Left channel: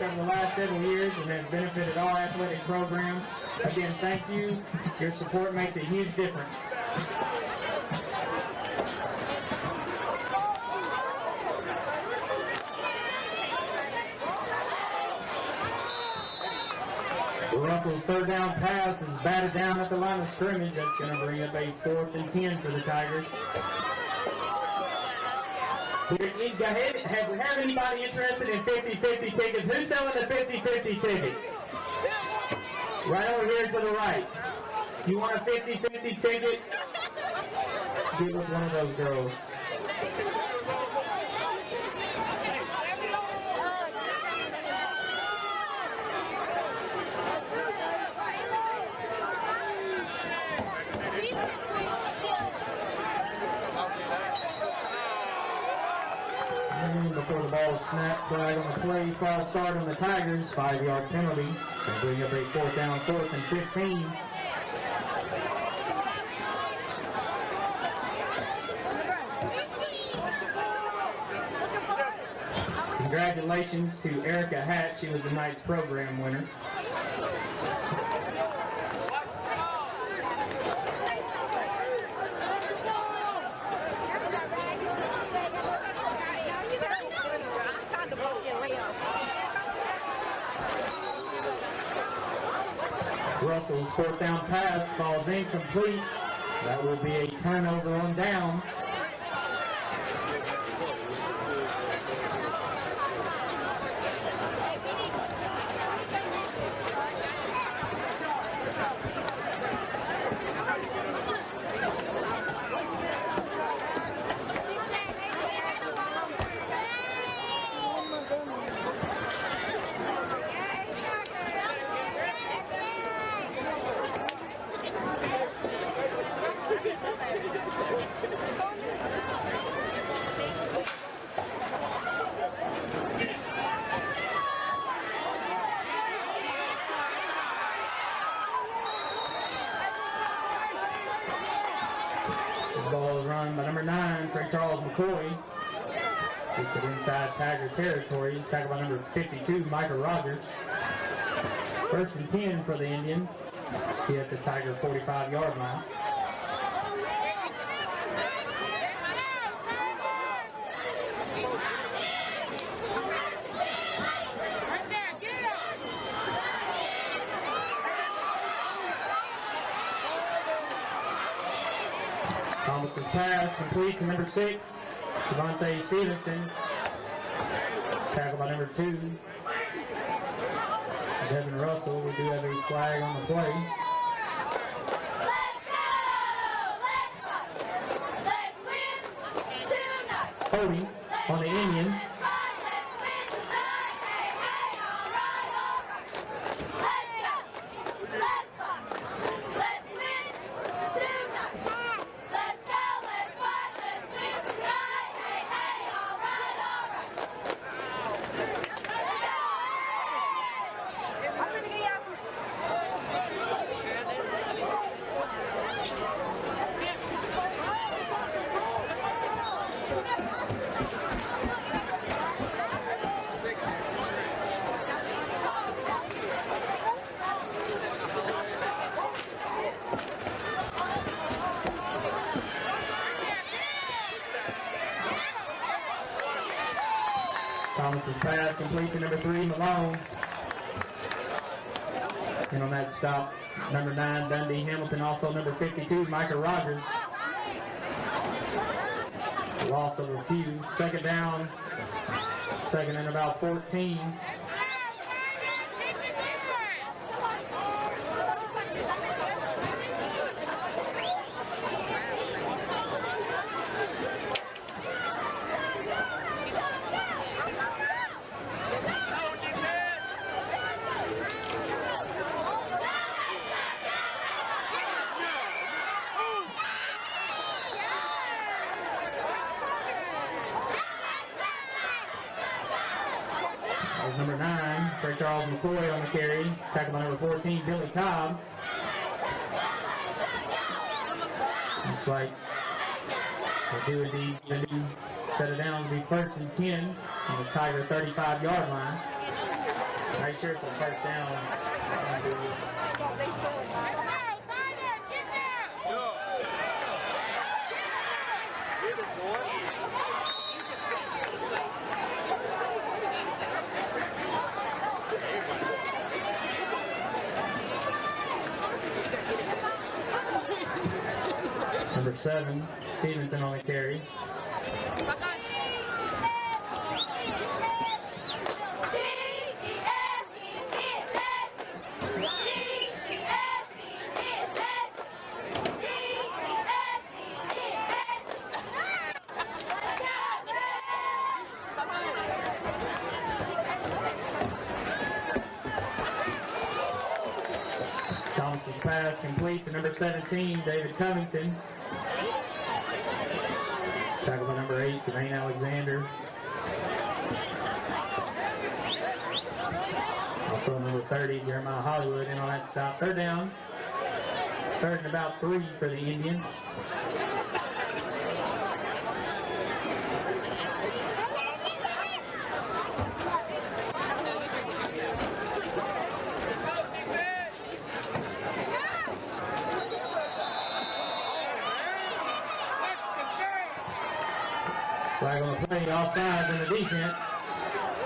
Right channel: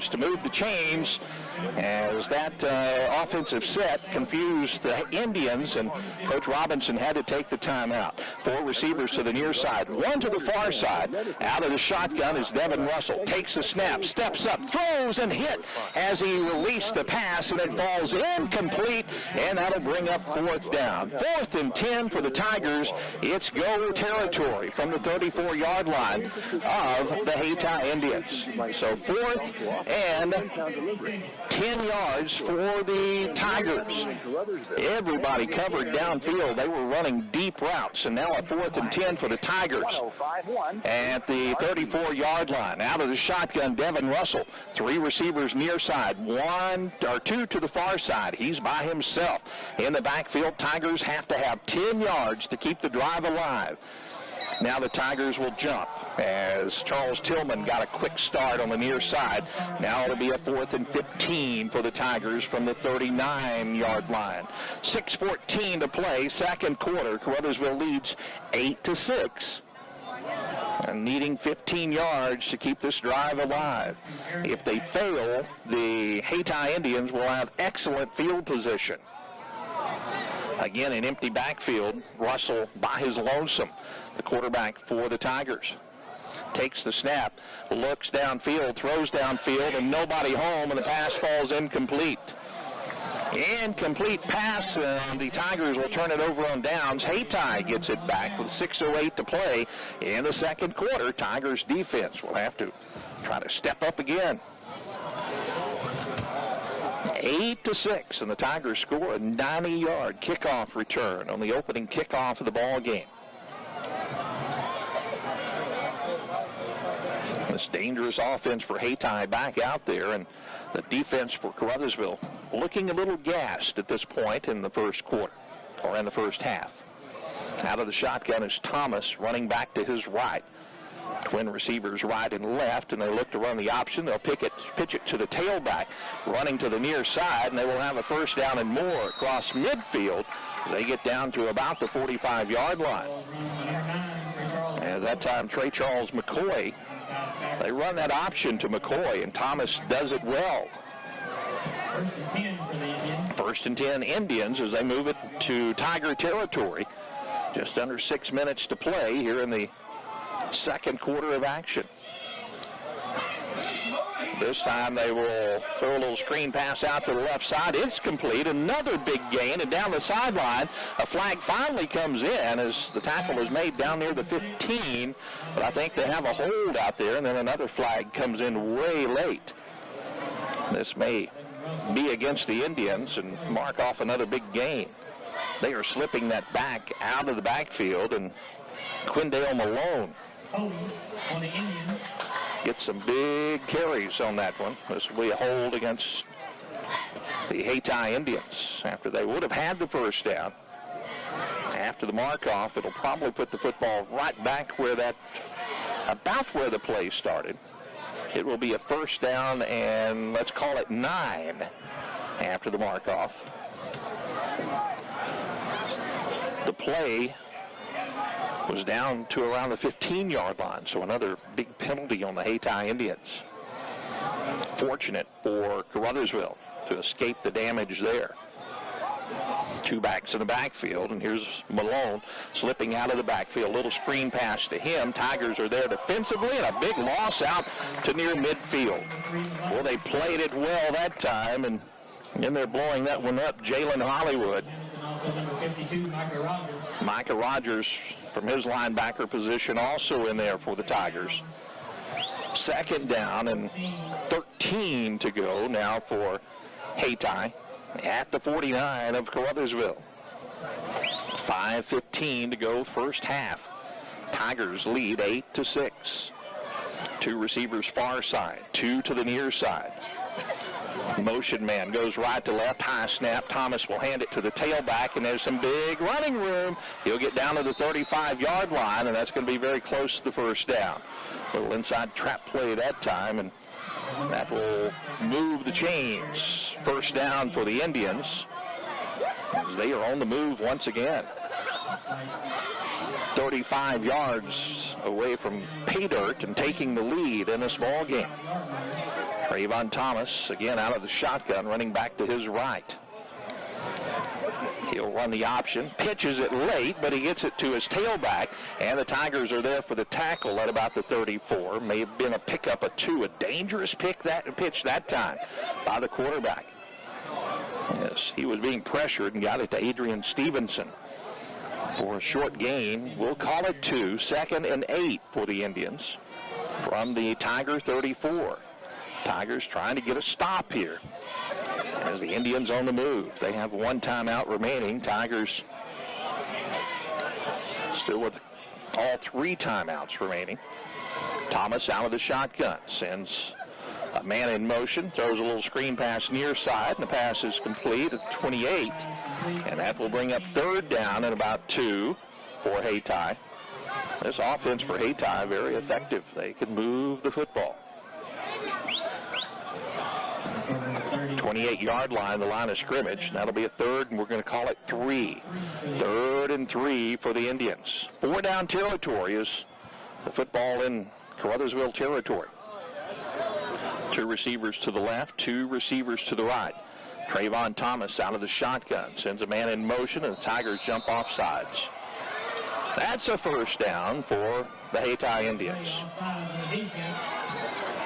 yards to move the chains as that offensive set confused the Indians, and Coach Robinson had to take the timeout. 4 receivers to the near side, 1 to the far side. Out of the shotgun is Devin Russell. Takes the snap, steps up, throws and hit as he released the pass, and it falls incomplete, and that'll bring up 4th down. 4th and 10 for the Tigers. It's go territory from the 34-yard line of the Hayti Indians. So 4th and 10 yards for the Tigers. Everybody covered downfield. They were running deep routes, so now a 4th and 10 for the Tigers at the 34-yard line. Out of the shotgun, Devin Russell. 3 receivers near side, 2 to the far side. He's by himself. In the backfield, Tigers have to have 10 yards to keep the drive alive. Now the Tigers will jump as Charles Tillman got a quick start on the near side. Now it'll be a 4th and 15 for the Tigers from the 39-yard line. 6:14 to play, second quarter. Caruthersville leads 8-6. And needing 15 yards to keep this drive alive. If they fail, the Hayti Indians will have excellent field position. Again, an empty backfield. Russell by his lonesome. The quarterback for the Tigers. Takes the snap, looks downfield, throws downfield, and nobody home, and the pass falls incomplete. Incomplete pass, and the Tigers will turn it over on downs. Hayti gets it back, and 6:08 to play in the second quarter. Tigers defense will have to try to step up again. 8-6, and the Tigers score a 90-yard kickoff return on the opening kickoff of the ball game. This dangerous offense for Hayti back out there, and the defense for Caruthersville looking a little gassed at this point in the first quarter, or in the first half. Out of the shotgun is Thomas running back to his right. Twin receivers right and left, and they look to run the option. They'll pitch it to the tailback, running to the near side, and they will have a first down and more across midfield. They get down to about the 45-yard line. And that time, Trey Charles McCoy, they run that option to McCoy, and Thomas does it well. 1st and 10 for the Indians. 1st and 10 Indians as they move it to Tiger territory. Just under 6 minutes to play here in the second quarter of action. This time they will throw a little screen pass out to the left side. It's complete. Another big gain. And down the sideline, a flag finally comes in as the tackle is made down near the 15. But I think they have a hold out there, and then another flag comes in way late. This may be against the Indians and mark off another big gain. They are slipping that back out of the backfield, and Quindale Malone on the Indians gets some big carries on that one. This will be a hold against the Hayti Indians after they would have had the first down. After the mark-off, it'll probably put the football right back where about where the play started. It will be a first down, and let's call it 9 after the mark-off. The play was down to around the 15-yard line, so another big penalty on the Hayti Indians. Fortunate for Caruthersville to escape the damage there. 2 backs in the backfield, and here's Malone slipping out of the backfield. A little screen pass to him. Tigers are there defensively, and a big loss out to near midfield. Well, they played it well that time, and then they're blowing that one up. Jalen Hollywood. Hamilton, also number 52, Micah Rogers. Micah Rogers from his linebacker position also in there for the Tigers. Second down and 13 to go now for Hayti at the 49 of Caruthersville. 5:15 to go first half. Tigers lead 8-6. 2 receivers far side, 2 to the near side. Motion man goes right to left, high snap. Thomas will hand it to the tailback, and there's some big running room. He'll get down to the 35-yard line, and that's going to be very close to the first down. A little inside trap play that time, and that will move the chains. First down for the Indians. They are on the move once again. 35 yards away from pay dirt and taking the lead in this ball game. Trayvon Thomas, again out of the shotgun, running back to his right. He'll run the option, pitches it late, but he gets it to his tailback, and the Tigers are there for the tackle at about the 34. May have been a pickup of 2, a dangerous pitch that time by the quarterback. He was being pressured and got it to Adrian Stevenson for a short gain. We'll call it 2, 2nd and 8 for the Indians from the Tiger 34. Tigers trying to get a stop here. And the Indians on the move. They have 1 timeout remaining. Tigers still with all 3 timeouts remaining. Thomas out of the shotgun, sends a man in motion, throws a little screen pass near side, and the pass is complete at 28. And that will bring up 3rd down at about 2 for Hayti. This offense for Hayti very effective. They could move the football. 28-yard line, the line of scrimmage. That'll be a 3rd, and we're going to call it 3. 3rd and 3 for the Indians. 4 down territory is football in Caruthersville territory. 2 receivers to the left, 2 receivers to the right. Trayvon Thomas out of the shotgun, sends a man in motion, and the Tigers jump off sides. That's a 1st down for the Hayti Indians.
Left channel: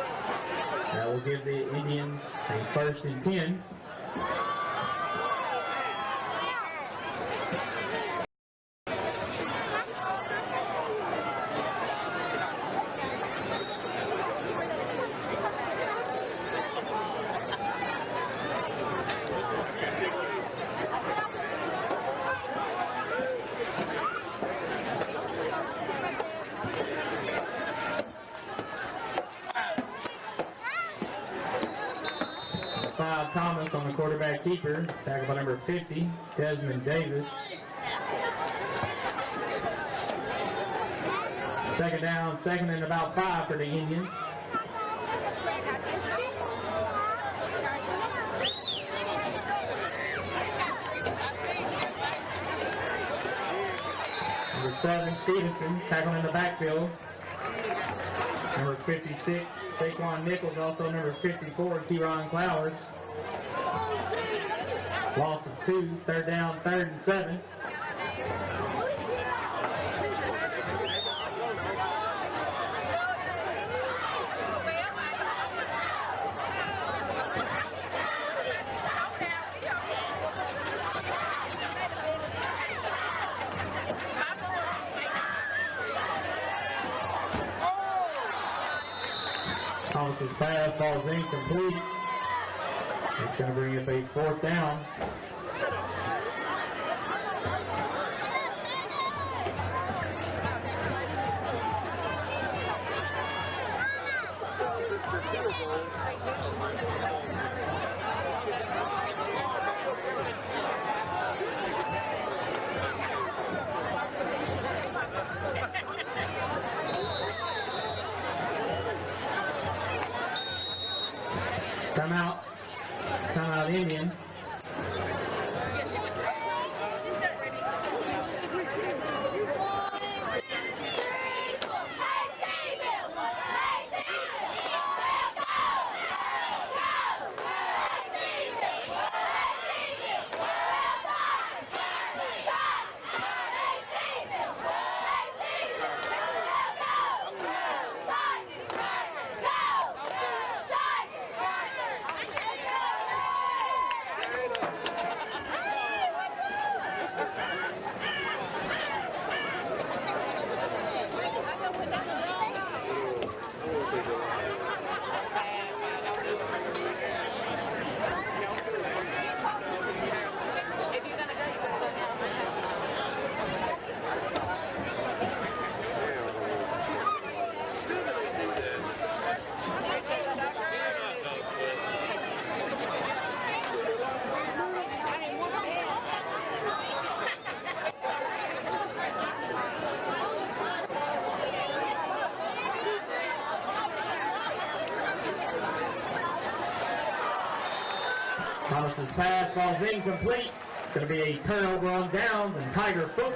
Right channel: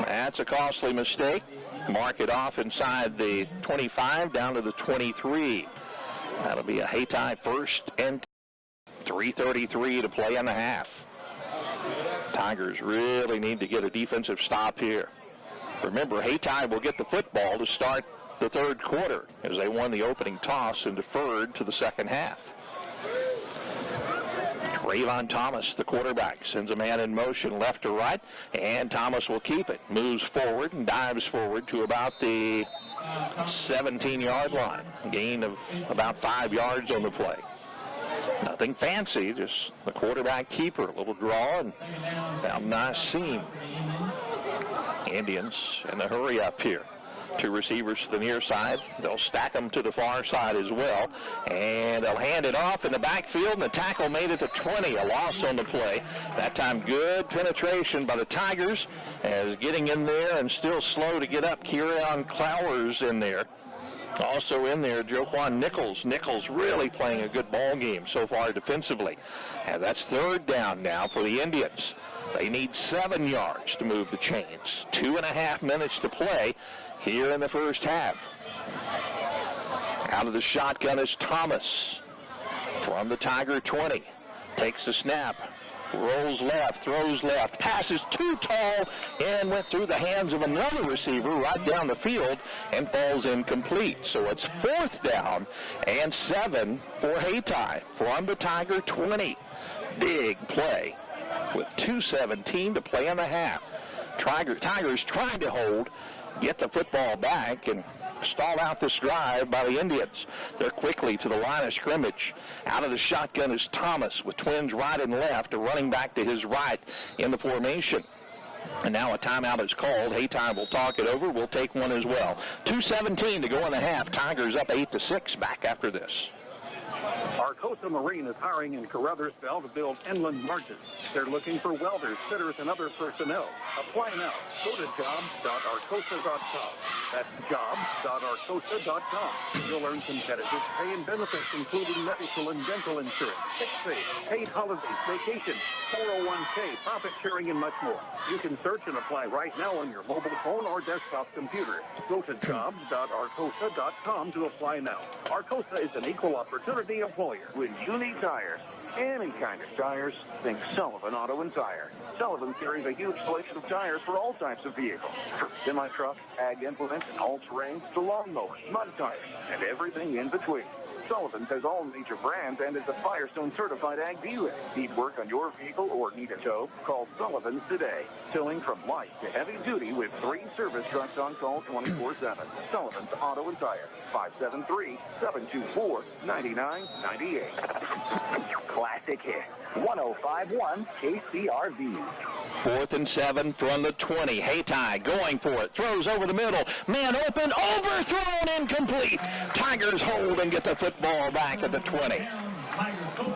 That's a costly mistake. Mark it off inside the 25 down to the 23. That'll be a Hayti 1st and 3:33 to play in the half. Tigers really need to get a defensive stop here. Remember, Hayti will get the football to start the 3rd quarter as they won the opening toss and deferred to the 2nd half. Trayvon Thomas, the quarterback, sends a man in motion left to right, and Thomas will keep it. Moves forward and dives forward to about the 17-yard line. Gain of about 5 yards on the play. Nothing fancy, just a quarterback keeper. It'll draw. Second down, not seen. For the Indians. Indians in a hurry up here. 2 receivers to the near side. They'll stack them to the far side as well. And they'll hand it off in the backfield. And the tackle made it to 20. A loss on the play. That time good penetration by the Tigers as getting in there and still slow to get up. Kieran Flowers in there. Also in there, Joquan Nichols. Nichols really playing a good ball game so far defensively. And that's 3rd down now for the Indians. They need 7 yards to move the chains. 2.5 minutes to play here in the 1st half. Out of the shotgun is Thomas from the Tiger 20. Takes the snap. Rolls left, throws left, passes too tall, and went through the hands of another receiver right down the field and falls incomplete. So it's 4th down and 7 for Hayti from the Tiger 20. Big play with 2:17 to play in the half. Tigers trying to hold, get the football back, and stall out this drive by the Indians. So quickly to the line of scrimmage. Out of the shotgun is Thomas with twins right and left, and running back to his right in the formation. And now a timeout is called. Hayti will talk it over. We'll take one as well. 2:17 to go in the half. Tigers up 8-6 back after this. Our Tulsa Marine is hiring in Caruthersville Inland Market. They're looking for welders, fitters, and other personnel. Apply now. Go to jobs.arcosa.com. That's jobs.arcosa.com. You'll earn competitive pay and benefits, including medical and dental insurance, sick pay, paid holidays, vacation, 401k, profit sharing, and much more. You can search and apply right now on your mobile phone or desktop computer. Go to jobs.arcosa.com to apply now. Arcosa is an equal opportunity employer with unique tires. Any kind of tires, think Sullivan Auto and Tire. Sullivan carries a huge selection of tires for all types of vehicles. Semi-truck, ag implement, all brands, the lawnmower, truck tires, and everything in between. Sullivan has all major brands and is a Firestone certified ag dealer. He's worked on your vehicle or used to. Call Sullivan today. Filling from March to heavy duty with 3 service trucks on call 24/7. Sullivan Auto and Tire. 573-724-9998. Classic Hit 105.1 KCRV. 4th and 7 from the 20. Hayti going for it. Throws over the middle. Man open. Overthrown. Incomplete. Tigers hold and get the football back at the 20.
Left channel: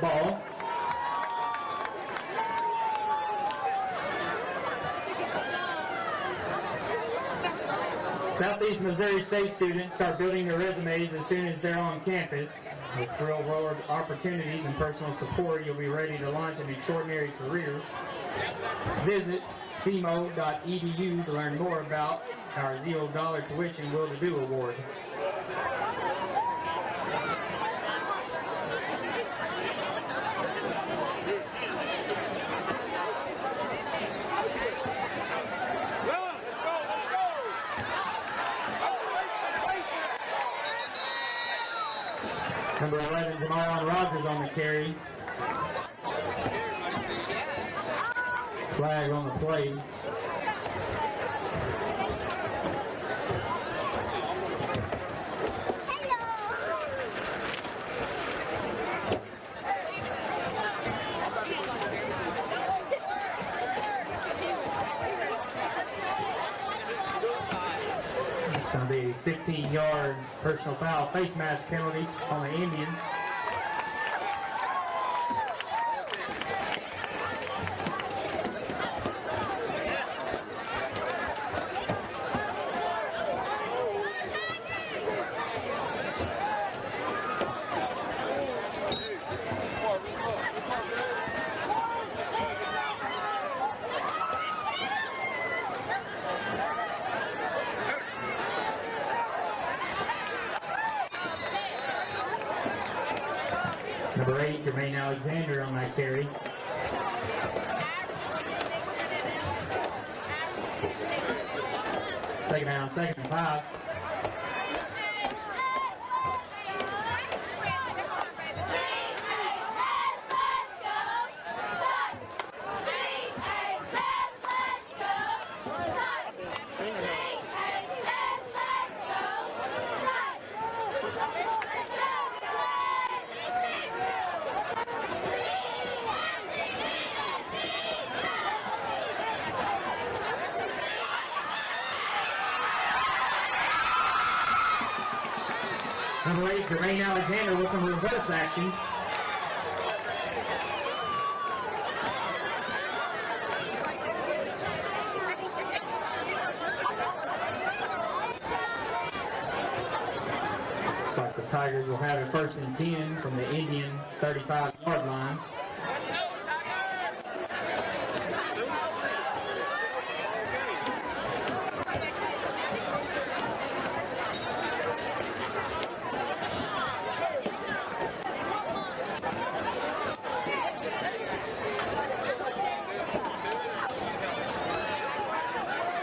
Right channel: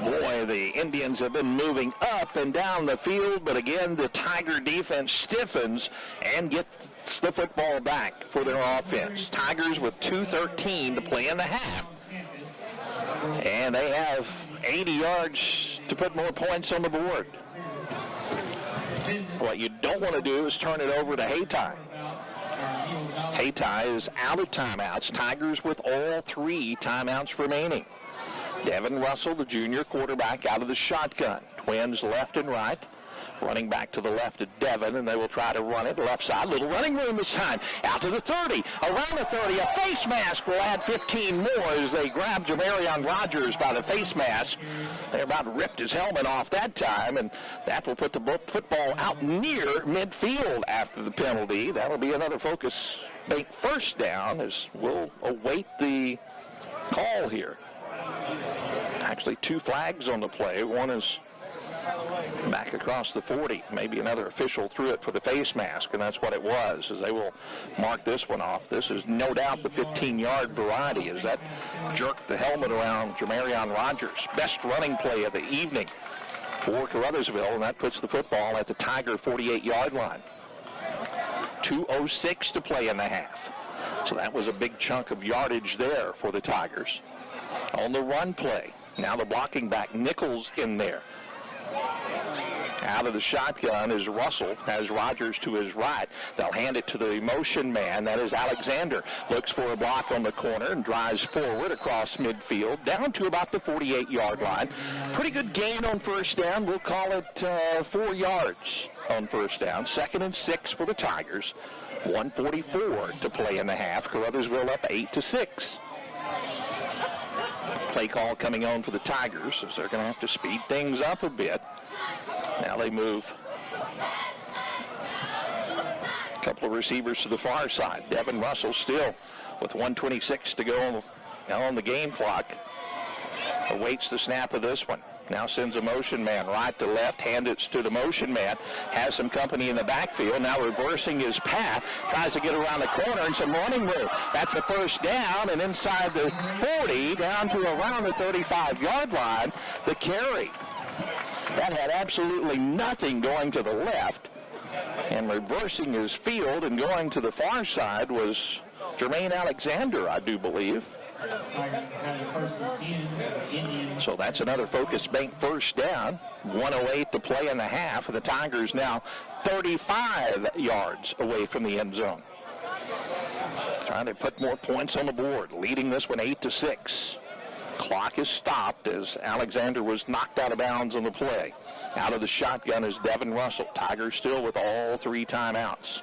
Boy, the Indians have been moving up and down the field, but again, the Tiger defense stiffens and gets the football back for their offense. Tigers with 2:13 to play in the half. And they have 80 yards to put more points on the board. What you don't want to do is turn it over to Hayti. Hayti is out of timeouts. Tigers with all 3 timeouts remaining. Devin Russell, the junior quarterback, out of the shotgun. Twins left and right. Running back to the left at Devin, and they will try to run it left side. Little running room this time. Out to the 30. Around the 30. A face mask will add 15 more as they grab Jamarion Rogers by the face mask. They about ripped his helmet off that time, and that will put the football out near midfield after the penalty. That will be another focus. Fake first down as we'll await the call here. Actually, 2 flags on the play. One is back across the 40. Maybe another official threw it for the face mask, and that's what it was. So they will mark this one off. This is no doubt the 15-yard variety as that jerked the helmet around Jamarion Rogers. Best running play of the evening for Caruthersville, and that puts the football at the Tiger 48-yard line. 2:06 to play in the half. So that was a big chunk of yardage there for the Tigers. On the run play, now the blocking back, Nichols in there. Out of the shotgun is Russell, has Rogers to his right. They'll hand it to the motion man, that is Alexander. Looks for a block on the corner and drives forward across midfield, down to about the 48-yard line. Pretty good gain on first down. We'll call it 4 yards on first down. 2nd and 6 for the Tigers. 1:44 to play in the half. Caruthersville up 8-6. Play call coming on for the Tigers, so they're going to have to speed things up a bit. Now they move a couple of receivers to the far side. Devin Russell still with 1:26 to go on the game clock. Awaits the snap of this one. Now sends a motion man right to left. Hands it to the motion man. Has some company in the backfield. Now reversing his path. Tries to get around the corner and some running room. That's the first down, and inside the 40, down to around the 35-yard line, the carry. That had absolutely nothing going to the left. And reversing his field and going to the far side was Jermaine Alexander, I do believe. Looks like the Tigers will have it 1st and 10, and the Indians. So that's another focus bank first down. 1:08 to play in the half. And the Tigers now 35 yards away from the end zone. Trying to put more points on the board. Leading this one 8-6. Clock is stopped as Alexander was knocked out of bounds on the play. Out of the shotgun is Devin Russell. Tigers still with all 3 timeouts.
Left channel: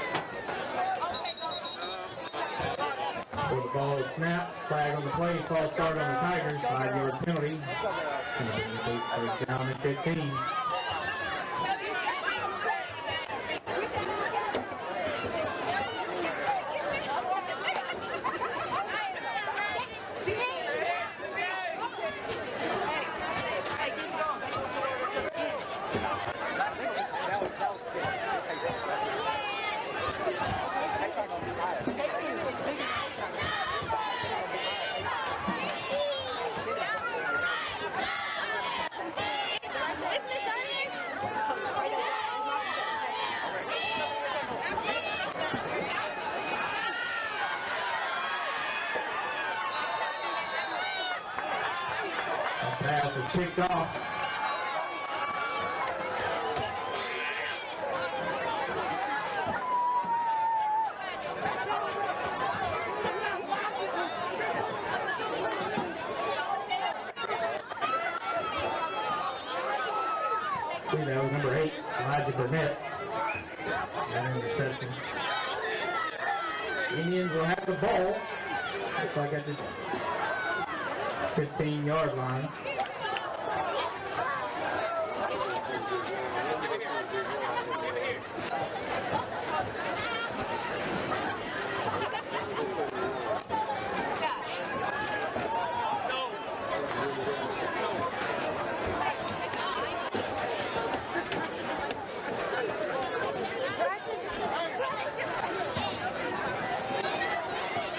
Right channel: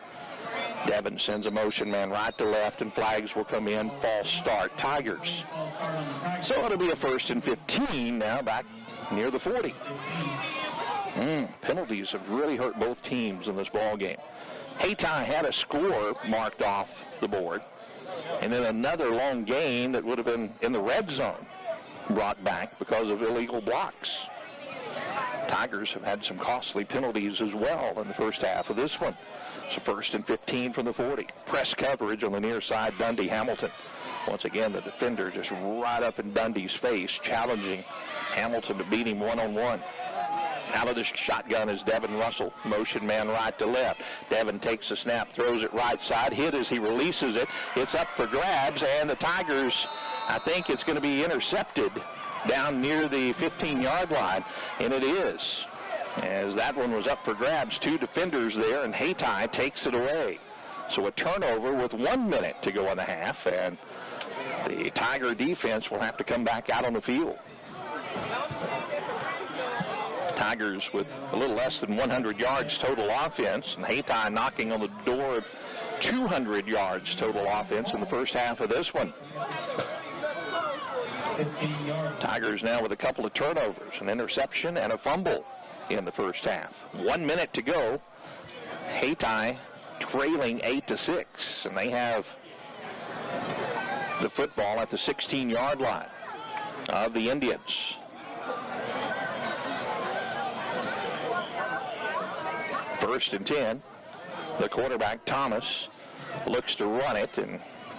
Devin sends a motion man right to left, and flags will come in. False start. Tigers. So it'll be a 1st and 15 now, back near the 40. Penalties have really hurt both teams in this ball game. Hayti had a score marked off the board, and then another long gain that would have been in the red zone brought back because of illegal blocks. Tigers have had some costly penalties as well in the first half of this one. It's a 1st and 15 from the 40. Press coverage on the near side, Dundee Hamilton. Once again, the defender just right up in Dundee's face, challenging Hamilton to beat him one-on-one. Out of the shotgun is Devin Russell. Motion man right to left. Devin takes the snap, throws it right side. Hit as he releases it. It's up for grabs, and the Tigers, I think it's going to be intercepted down near the 15-yard line, and it is. As that one was up for grabs, 2 defenders there, and Hayti takes it away. So a turnover with 1 minute to go in the half, and the Tiger defense will have to come back out on the field. Tigers with a little less than 100 yards total offense, and Hayti knocking on the door of 200 yards total offense in the first half of this one. 15-yard line. Tigers now with a couple of turnovers, an interception and a fumble in the first half. 1 minute to go. Hayti trailing 8-6, and they have the football at the 16-yard line of the Indians. First and 10. The quarterback, Thomas, looks to run it and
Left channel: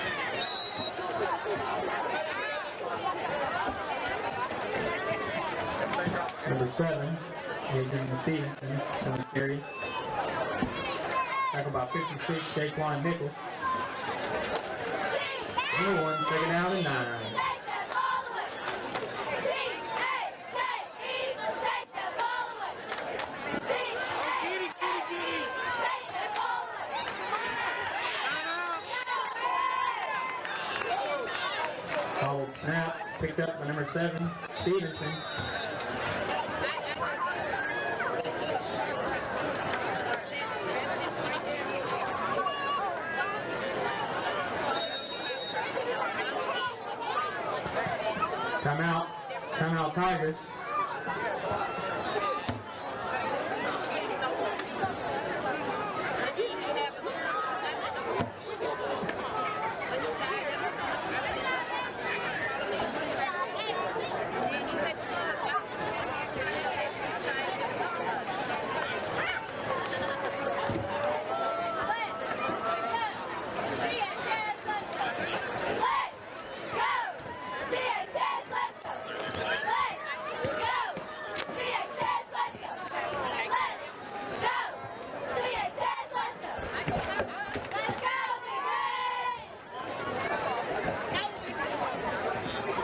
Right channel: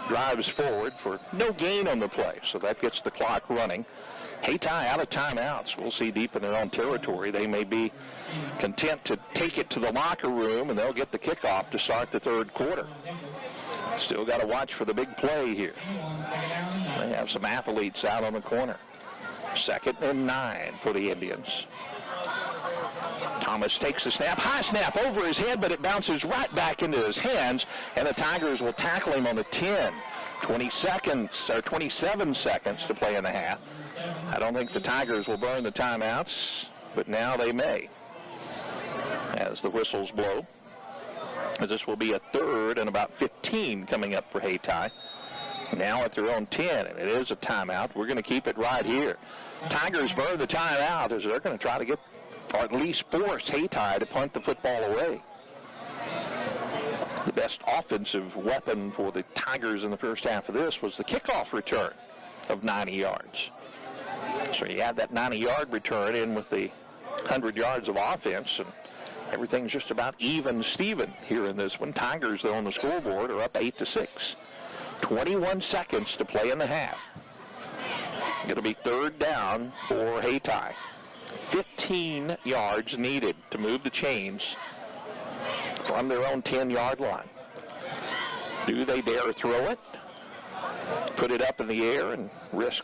drives forward for no gain on the play. So that gets the clock running. Hayti out of timeouts. We'll see deep in their own territory. They may be content to take it to the locker room, and they'll get the kickoff to start the third quarter. Still got to watch for the big play here. And have some athletes out on the corner. Second and 9 for the Indians. Thomas takes the snap. High snap over his head, but it bounces right back into his hands, and the Tigers will tackle him on the 10. 27 seconds to play in the half. I don't think the Tigers will burn the timeouts, but now they may. As the whistles blow. And this will be a third and about 15 coming up for Hayti. Now at their own 10. It is a timeout. We're going to keep it right here. Tigers burn the timeout as they're going to try to get, or at least force Hayti to punt the football away. The best offensive weapon for the Tigers in the first half of this was the kickoff return of 90 yards. So you add that 90-yard return in with the 100 yards of offense, and everything's just about even Steven here in this one. Tigers, though, on the scoreboard are up 8-6. 21 seconds to play in the half. Going to be third down for Hayti. 15 yards needed to move the chains from their own 10-yard line. Do they dare throw it? Put it up in the air and risk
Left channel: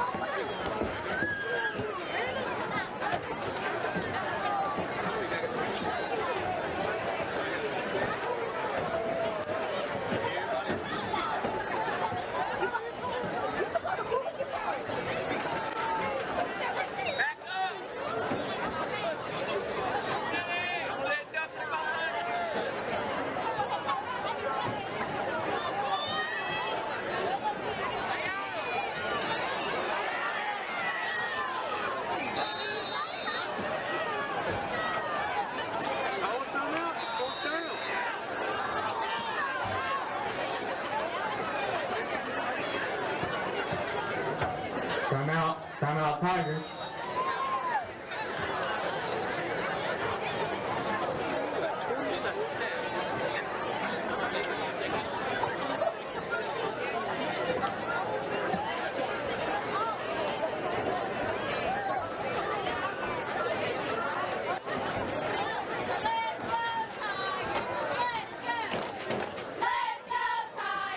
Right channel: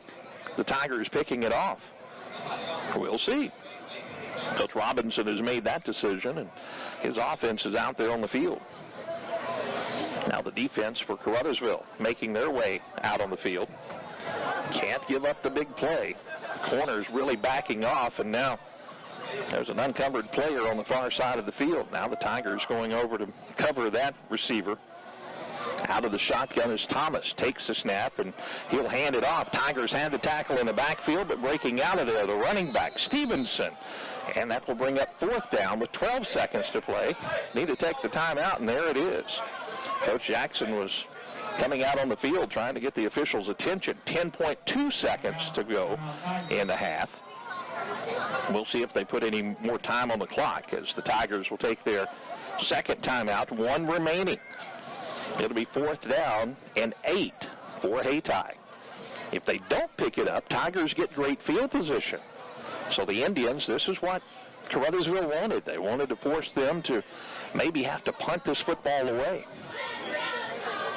the Tigers picking it off? We'll see. But Robinson has made that decision. His offense is out there on the field. Now the defense for Caruthersville making their way out on the field. Can't give up the big play. Corner's really backing off, and now there's an unencumbered player on the far side of the field. Now the Tigers going over to cover that receiver. Out of the shotgun as Thomas takes the snap, and he'll hand it off. Tigers have the tackle in the backfield, but breaking out of there, the running back, Stevenson. And that will bring up fourth down with 12 seconds to play. Need to take the timeout, and there it is. Coach Jackson was coming out on the field trying to get the officials' attention. 10.2 seconds to go in the half. We'll see if they put any more time on the clock, which the Tigers will take their second timeout. One remaining. It'll be fourth down and 8 for Hayti. If they don't pick it up, Tigers get great field position. So the Indians, this is what Caruthersville wanted. They wanted to force them to maybe have to punt this football away.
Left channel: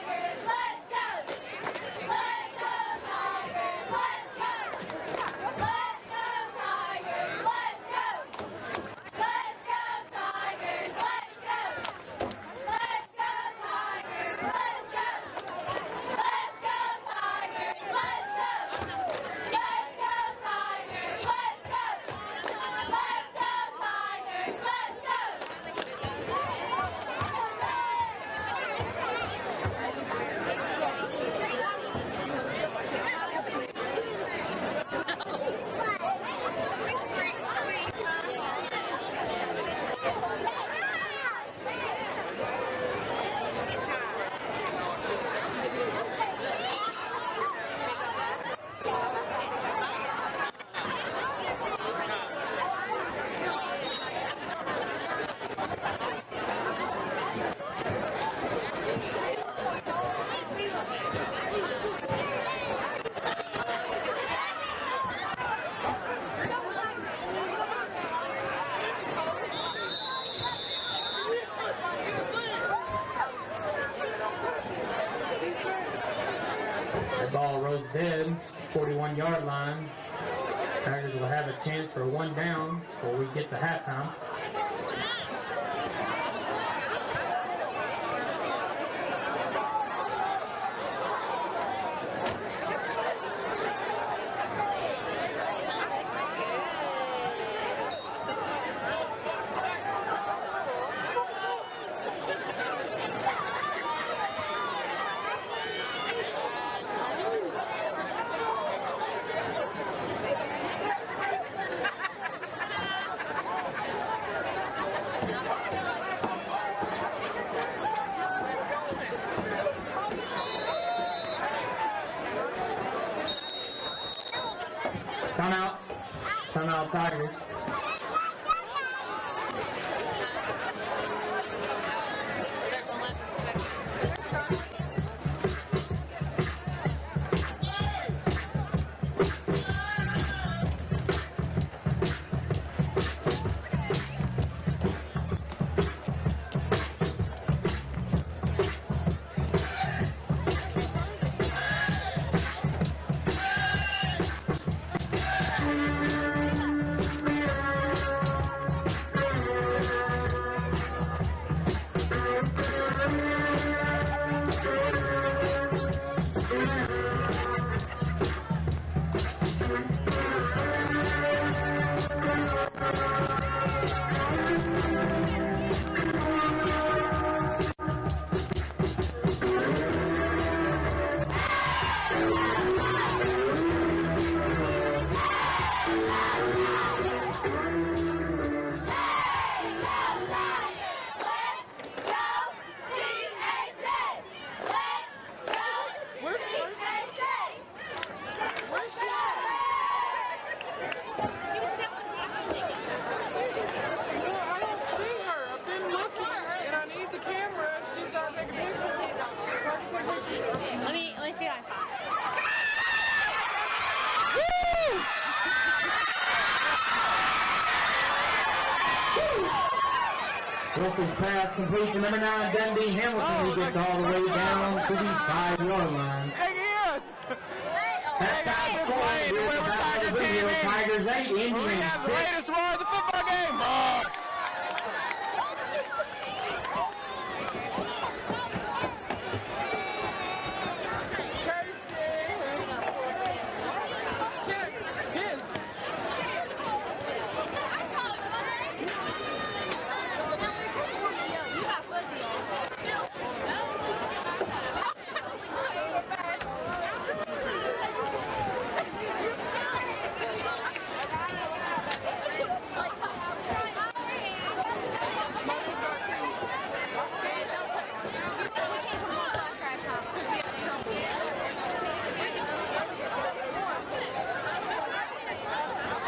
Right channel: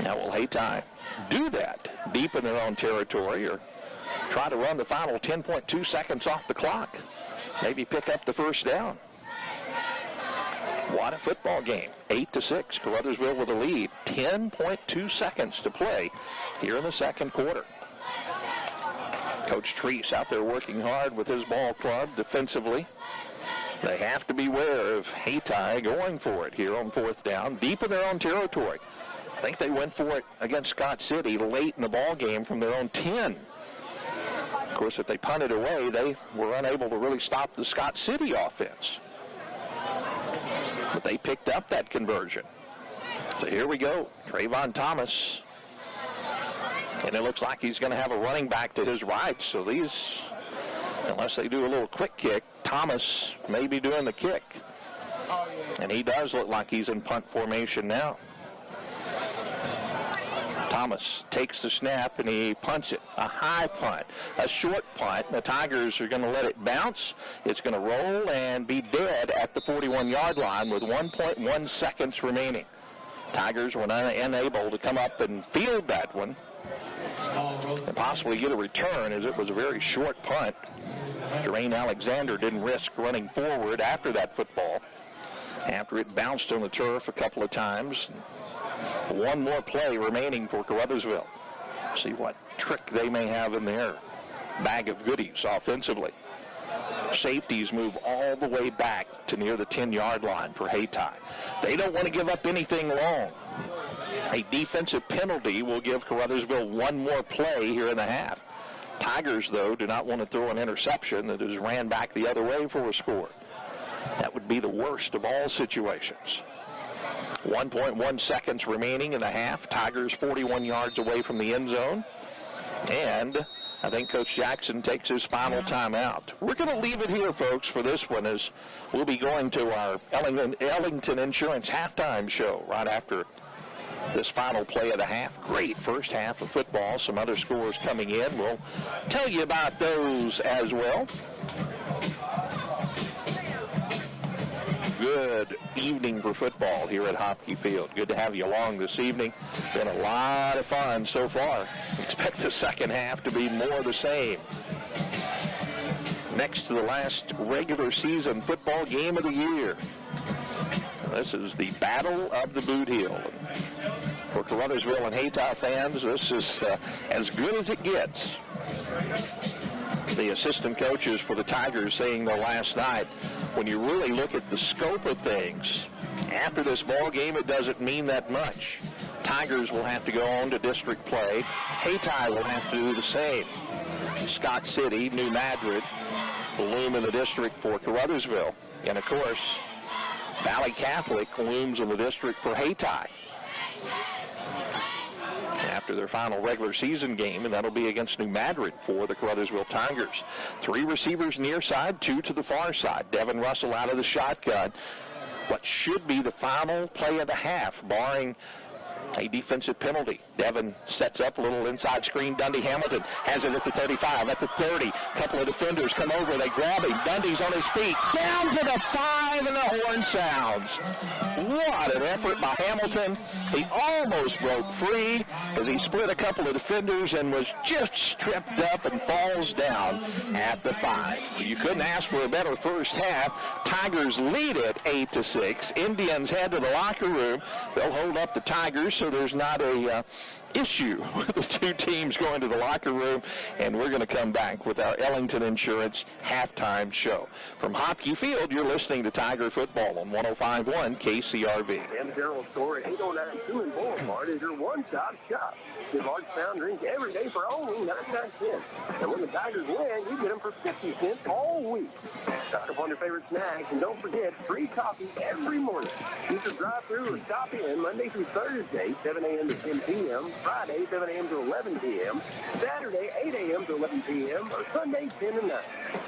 Now will Hayti do that deep in their own territory, or try to run the final 10.2 seconds off the clock? Maybe pick up the first down. What a football game. 8-6. Caruthersville with a lead. 10.2 seconds to play here in the second quarter. Coach Treese out there working hard with his ball club defensively. They have to beware of Hayti going for it here on fourth down, deep in their own territory. I think they went for it against Scott City late in the ball game from their own 10. Of course, if they punted away, they were unable to really stop the Scott City offense. But they picked up that conversion. So here we go. Trayvon Thomas. And it looks like he's going to have a running back to his right. So these, unless they do a little quick kick, Thomas may be doing the kick. And he does look like he's in punt formation now. Thomas takes the snap and he punts it. A high punt, a short punt. The Tigers are going to let it bounce. It's going to roll and be dead at the 41-yard line with 1.1 seconds remaining. Tigers were unable to come up and field that one. And possibly get a return, and it was a very short punt. Dwayne Alexander didn't risk running forward after that football. After it bounced on the turf a couple of times. One more play remaining for Caruthersville. See what trick they may have in their bag of goodies offensively. Safeties move all the way back to near the 10-yard line for Hayti. They don't want to give up anything long. A defensive penalty will give Caruthersville one more play here in the half. Tigers, though, do not want to throw an interception that is ran back the other way for a score. That would be the worst of all situations. 1.1 seconds remaining in the half. Tigers 41 yards away from the end zone. And I think Coach Jackson takes his final timeout. We're going to leave it here, folks, for this one, as we'll be going to our Ellington Insurance halftime show right after this final play of the half. Great first half of football. Some other scores coming in. We'll tell you about those as well. Good evening for football here at Hayti Field. Good to have you along this evening. Been a lot of fun so far. Expect the second half to be more of the same. Next to the last regular season football game of the year. This is the Battle of the Boot Heel. For Caruthersville and Hayti fans, this is as good as it gets. The assistant coaches for the Tigers saying last night, when you really look at the scope of things, after this ball game, it doesn't mean that much. Tigers will have to go on to district play. Hayti will have to do the same. Stock City, New Madrid, loom in the district for Caruthersville. And, of course, Valley Catholic looms in the district for Hayti. After their final regular season game, and that'll be against New Madrid for the Caruthersville Tigers. 3 receivers near side, 2 to the far side. Devin Russell out of the shotgun. What should be the final play of the half, barring a defensive penalty. Devin sets up a little inside screen. Dundee Hamilton has it with the 35. That's a 30. Couple of defenders come over. They grab him. Dundee's on his feet. Down to the 5, and the horn sounds. What an effort by Hamilton. He almost broke free, but he split a couple of defenders and was just stripped up and falls down. You couldn't ask for a better first half. Tigers lead it 8-6. Indians head to the locker room. They'll hold up the Tigers so there's not a issue with the two teams going to the locker room. And we're going to come back with our Ellington Insurance halftime show. From Hayti Field, you're listening to Tiger Football on 105.1 KCRV. On your favorite snack, and don't forget, free coffee every morning. You can drive through and stop in Monday through Thursday, 7 a.m. to 10 p.m., Friday, 7 a.m. to 11 p.m., Saturday, 8 a.m. to 11 p.m., Sunday, 10 to 9.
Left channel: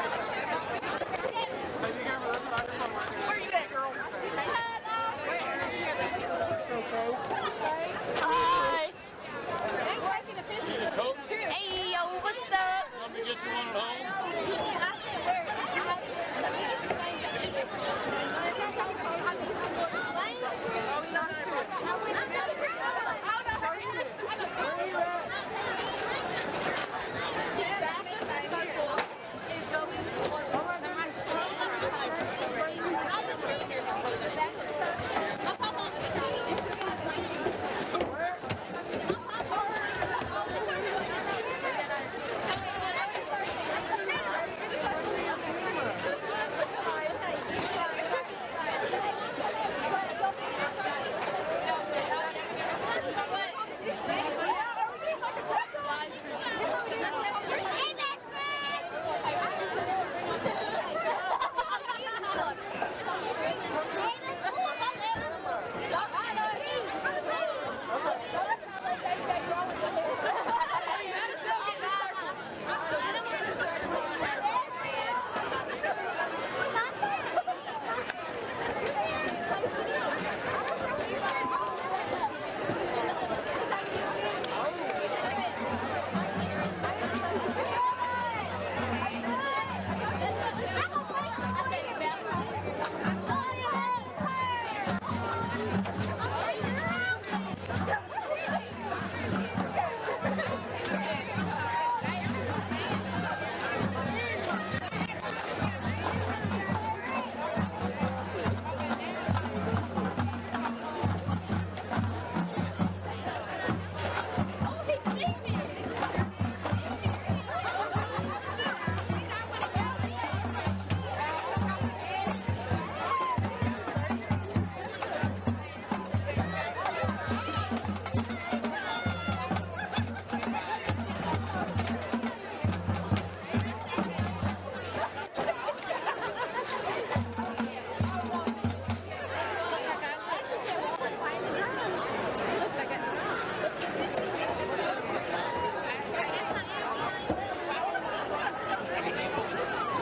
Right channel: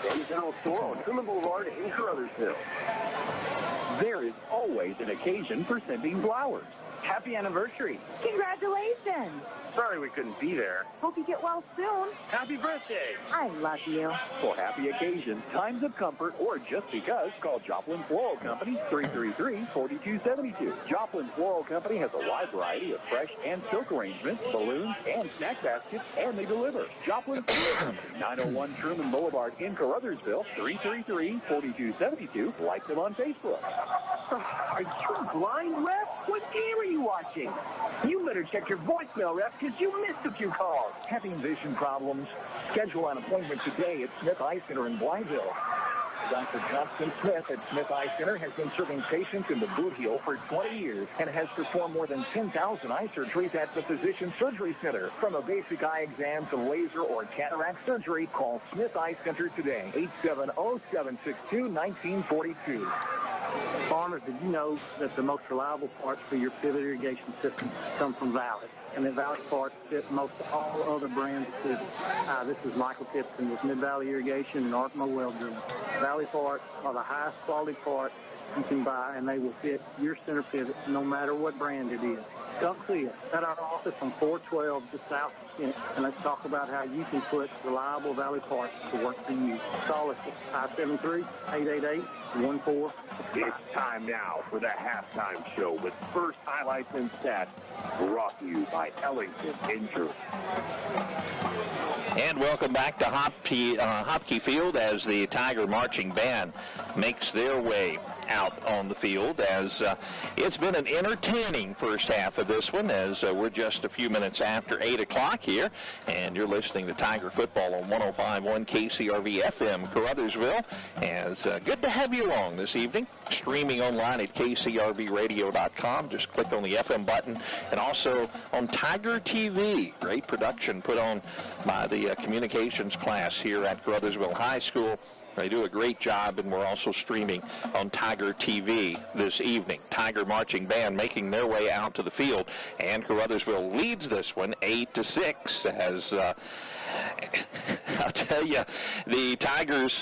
Downtown store on Summer Boulevard in Caruthersville. There is always an occasion for sending flowers. Happy anniversary. Congratulations. Sorry we couldn't be there. Hope you get well soon. Happy birthday. I love you. For happy occasions, times of comfort, or just because, call Joplin Floral Company, 333-4272. Joplin Floral Company has a wide variety of fresh and silk arrangements, balloons, and snack baskets, and they deliver. Joplin Floral Company, 901 Sherman Boulevard in Caruthersville, 333-4272. Like it on Facebook. Blind Rep? What channel are you watching? You better check your voicemail, Rep, because you missed a few calls. Having vision problems? Schedule an appointment today at Smith Eye Center in Blineville. Dr. Jonathan Smith at Smith Eye Center has been treating patients in the Bluefield for 20 years and has performed more than 10,000 eye surgeries at the Physician Surgery Center. From a basic eye exam to laser or cataract surgery, call Smith Eye Center today. 870-762-1942. Farmers, did you know that the most reliable parts for your field irrigation system come from Valley? And the Valley parts fit most all other brands too. This is Michael Fitson with Mid Valley Irrigation in North Mobile. Valley parts are the highest quality parts you can buy, and they will fit your pivot no matter what brand it is. Come see us at our office from 412 to South Kent, and let's talk about how you can put reliable Valley parts to what you use. Call us 573-888-14. It's time now for the halftime show with first highlights and stats brought to you by Ellington Insurance. And welcome back to Hayti Field as the Tiger Marching Band makes their way out on the field, as it's been an entertaining first half of this one, as we're just a few minutes after 8 o'clock here, and you're listening to Tiger Football on 105.1 KCRV FM Caruthersville. As good to have you along this evening, streaming online at kcrvradio.com. Just click on the FM button, and also on Tiger TV. Great production put on by the communications class here at Caruthersville High School. They do a great job, and we're also streaming on Tiger TV this evening. Tiger Marching Band making their way out to the field, and Caruthersville leads this one 8-6 as I'll tell you, the Tigers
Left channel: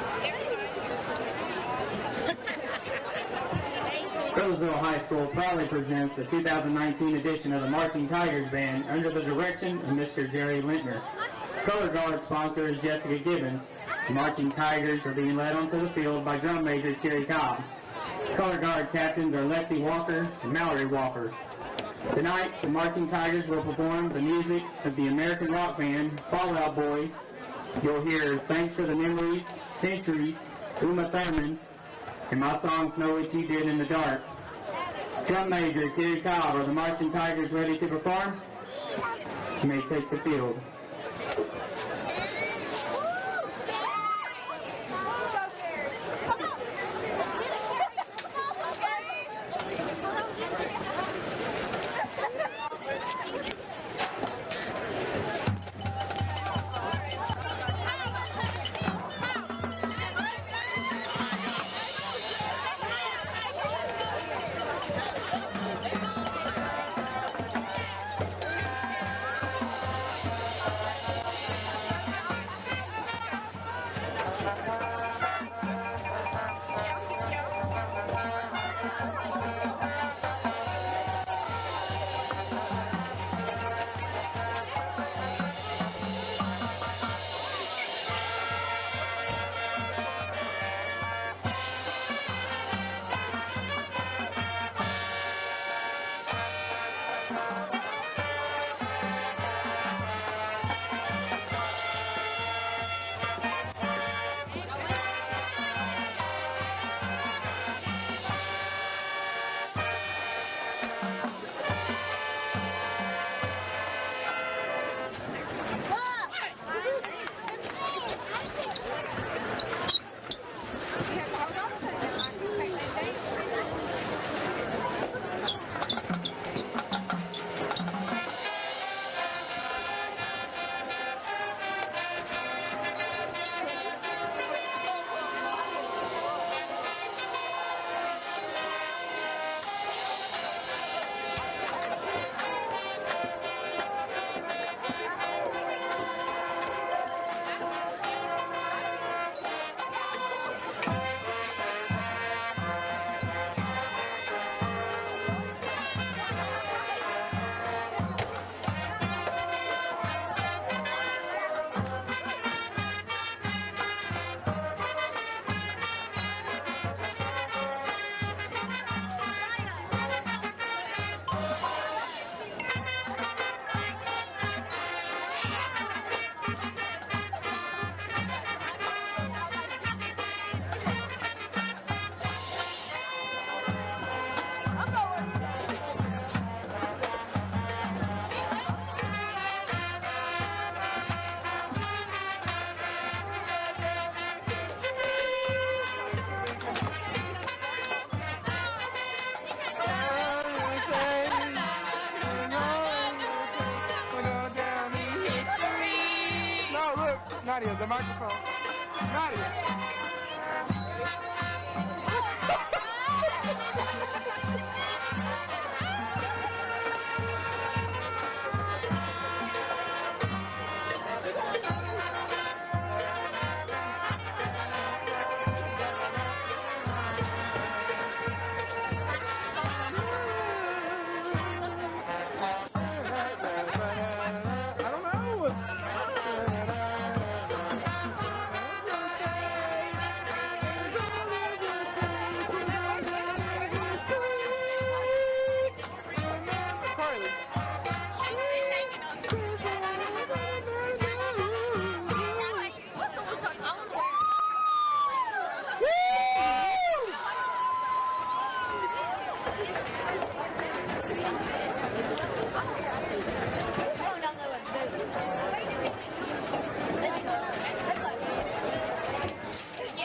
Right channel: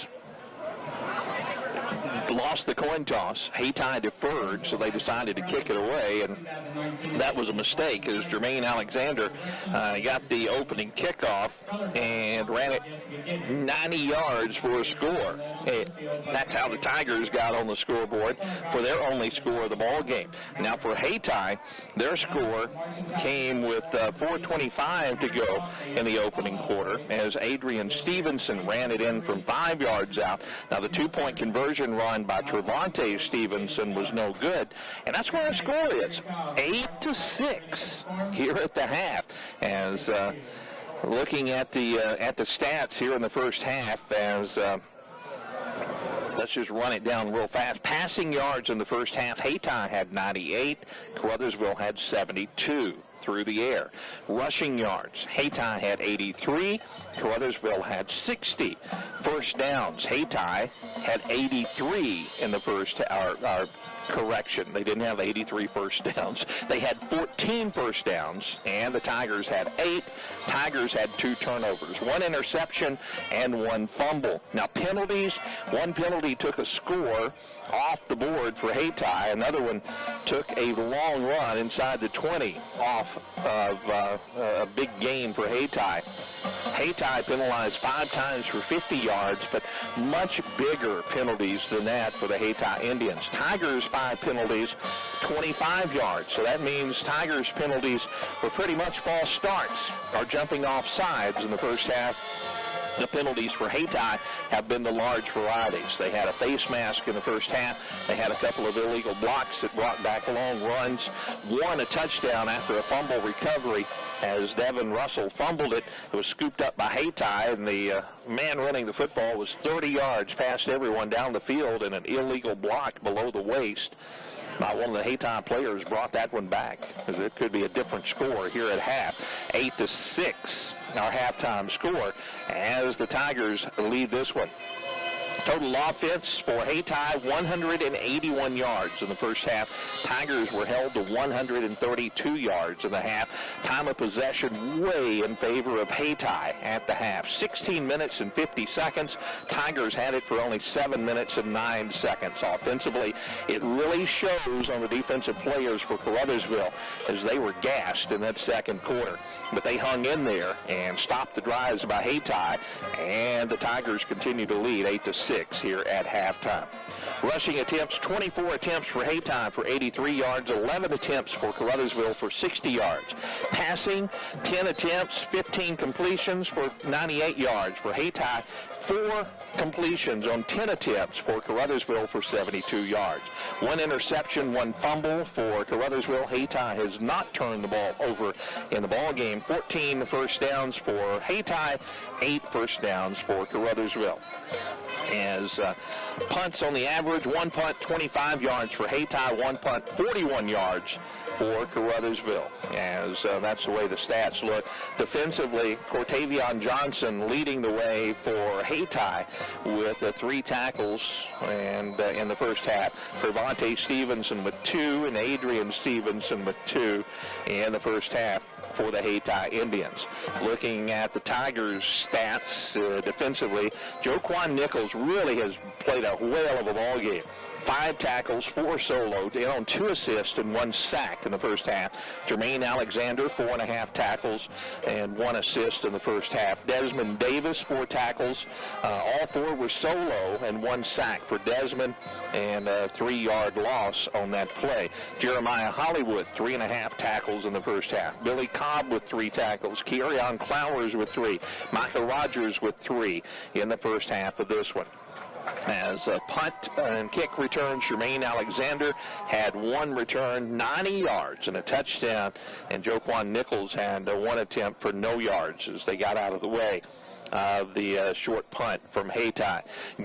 lost the coin toss. Hayti deferred, so they decided to kick it away. And that was a mistake, as Jermaine Alexander got the opening kickoff and ran it 90 yards for a score. And that's how the Tigers got on the scoreboard for their only score of the ball game. Now for Hayti, their score came with 4:25 to go in the opening quarter as Adrian Stevenson ran it in from 5 yards out. Now the two-point conversion run by Trevante Stevenson was no good, and that's why the score is 8-6 here at the half. As looking at the stats here in the first half, as let's just run it down real fast. Passing yards in the first half, Hayti had 98. Caruthersville had 72 through the air. Rushing yards, Hayti had 83. Caruthersville had 60. First downs, Hayti had 83 in the first correction. They didn't have 83 first downs. They had 14 first downs, and the Tigers had 8. Tigers had 2 turnovers, 1 interception and 1 fumble. Now penalties, one penalty took a score off the board for Hayti. Another one took a long run inside the 20 off of a big gain for Hayti. Hayti penalized 5 times for 50 yards, but much bigger penalties than that for the Hayti Indians. Tigers 5 penalties, 25 yards. So that means Tigers penalties for pretty much false starts or jumping off sides in the first half. The penalties for Hayti have been the large varieties. They had a face mask in the first half. They had a couple of illegal blocks that brought back long runs. Won a touchdown after a fumble recovery as Devin Russell fumbled it. It was scooped up by Hayti, and the man running the football was 30 yards past everyone down the field in an illegal block below the waist. One of the Hayti players brought that one back. It could be a different score here at half. 8-6, our halftime score, as the Tigers lead this one. Total offense for Hayti, 181 yards in the first half. Tigers were held to 132 yards in the half. Time of possession way in favor of Hayti at the half. 16 minutes and 50 seconds. Tigers had it for only 7 minutes and 9 seconds. Offensively, it really shows on the defensive players for Caruthersville as they were gassed in that second quarter. But they hung in there and stopped the drives by Hayti, and the Tigers continue to lead 8-6 here at halftime. Rushing attempts, 24 attempts for Hayti for 83 yards, 11 attempts for Caruthersville for 60 yards. Passing, 10 attempts, 15 completions for 98 yards for Hayti, 4 completions on 10 attempts for Caruthersville for 72 yards. 1 interception, 1 fumble for Caruthersville. Hayti has not turned the ball over in the ball game. 14 first downs for Hayti, 8 first downs for Caruthersville. As punts on the average, 1 punt, 25 yards for Hayti, 1 punt, 41 yards for Caruthersville. As that's the way the stats look. Defensively, Cortavion Johnson leading the way for Hayti with 3 tackles and in the first half. Trevante Stevenson with 2 and Adrian Stevenson with 2 in the first half for the Hayti Indians. Looking at the Tigers' stats defensively, Joquan Nichols really has played a whale of a ball game. 5 tackles, 4 solos, in on 2 assists and 1 sack in the first half. Jermaine Alexander, 4.5 tackles and 1 assist in the first half. Desmond Davis, 4 tackles. All 4 were solo and 1 sack for Desmond and a 3-yard loss on that play. Jeremiah Hollywood, 3.5 tackles in the first half. Billy Cobb with 3 tackles. Kearion Flowers with 3. Micah Rogers with 3 in the first half of this one. As a punt and kick return, Jermaine Alexander had 1 return, 90 yards and a touchdown, and Joquan Nichols had 1 attempt for no yards as they got out of the way of the short punt from Hayti.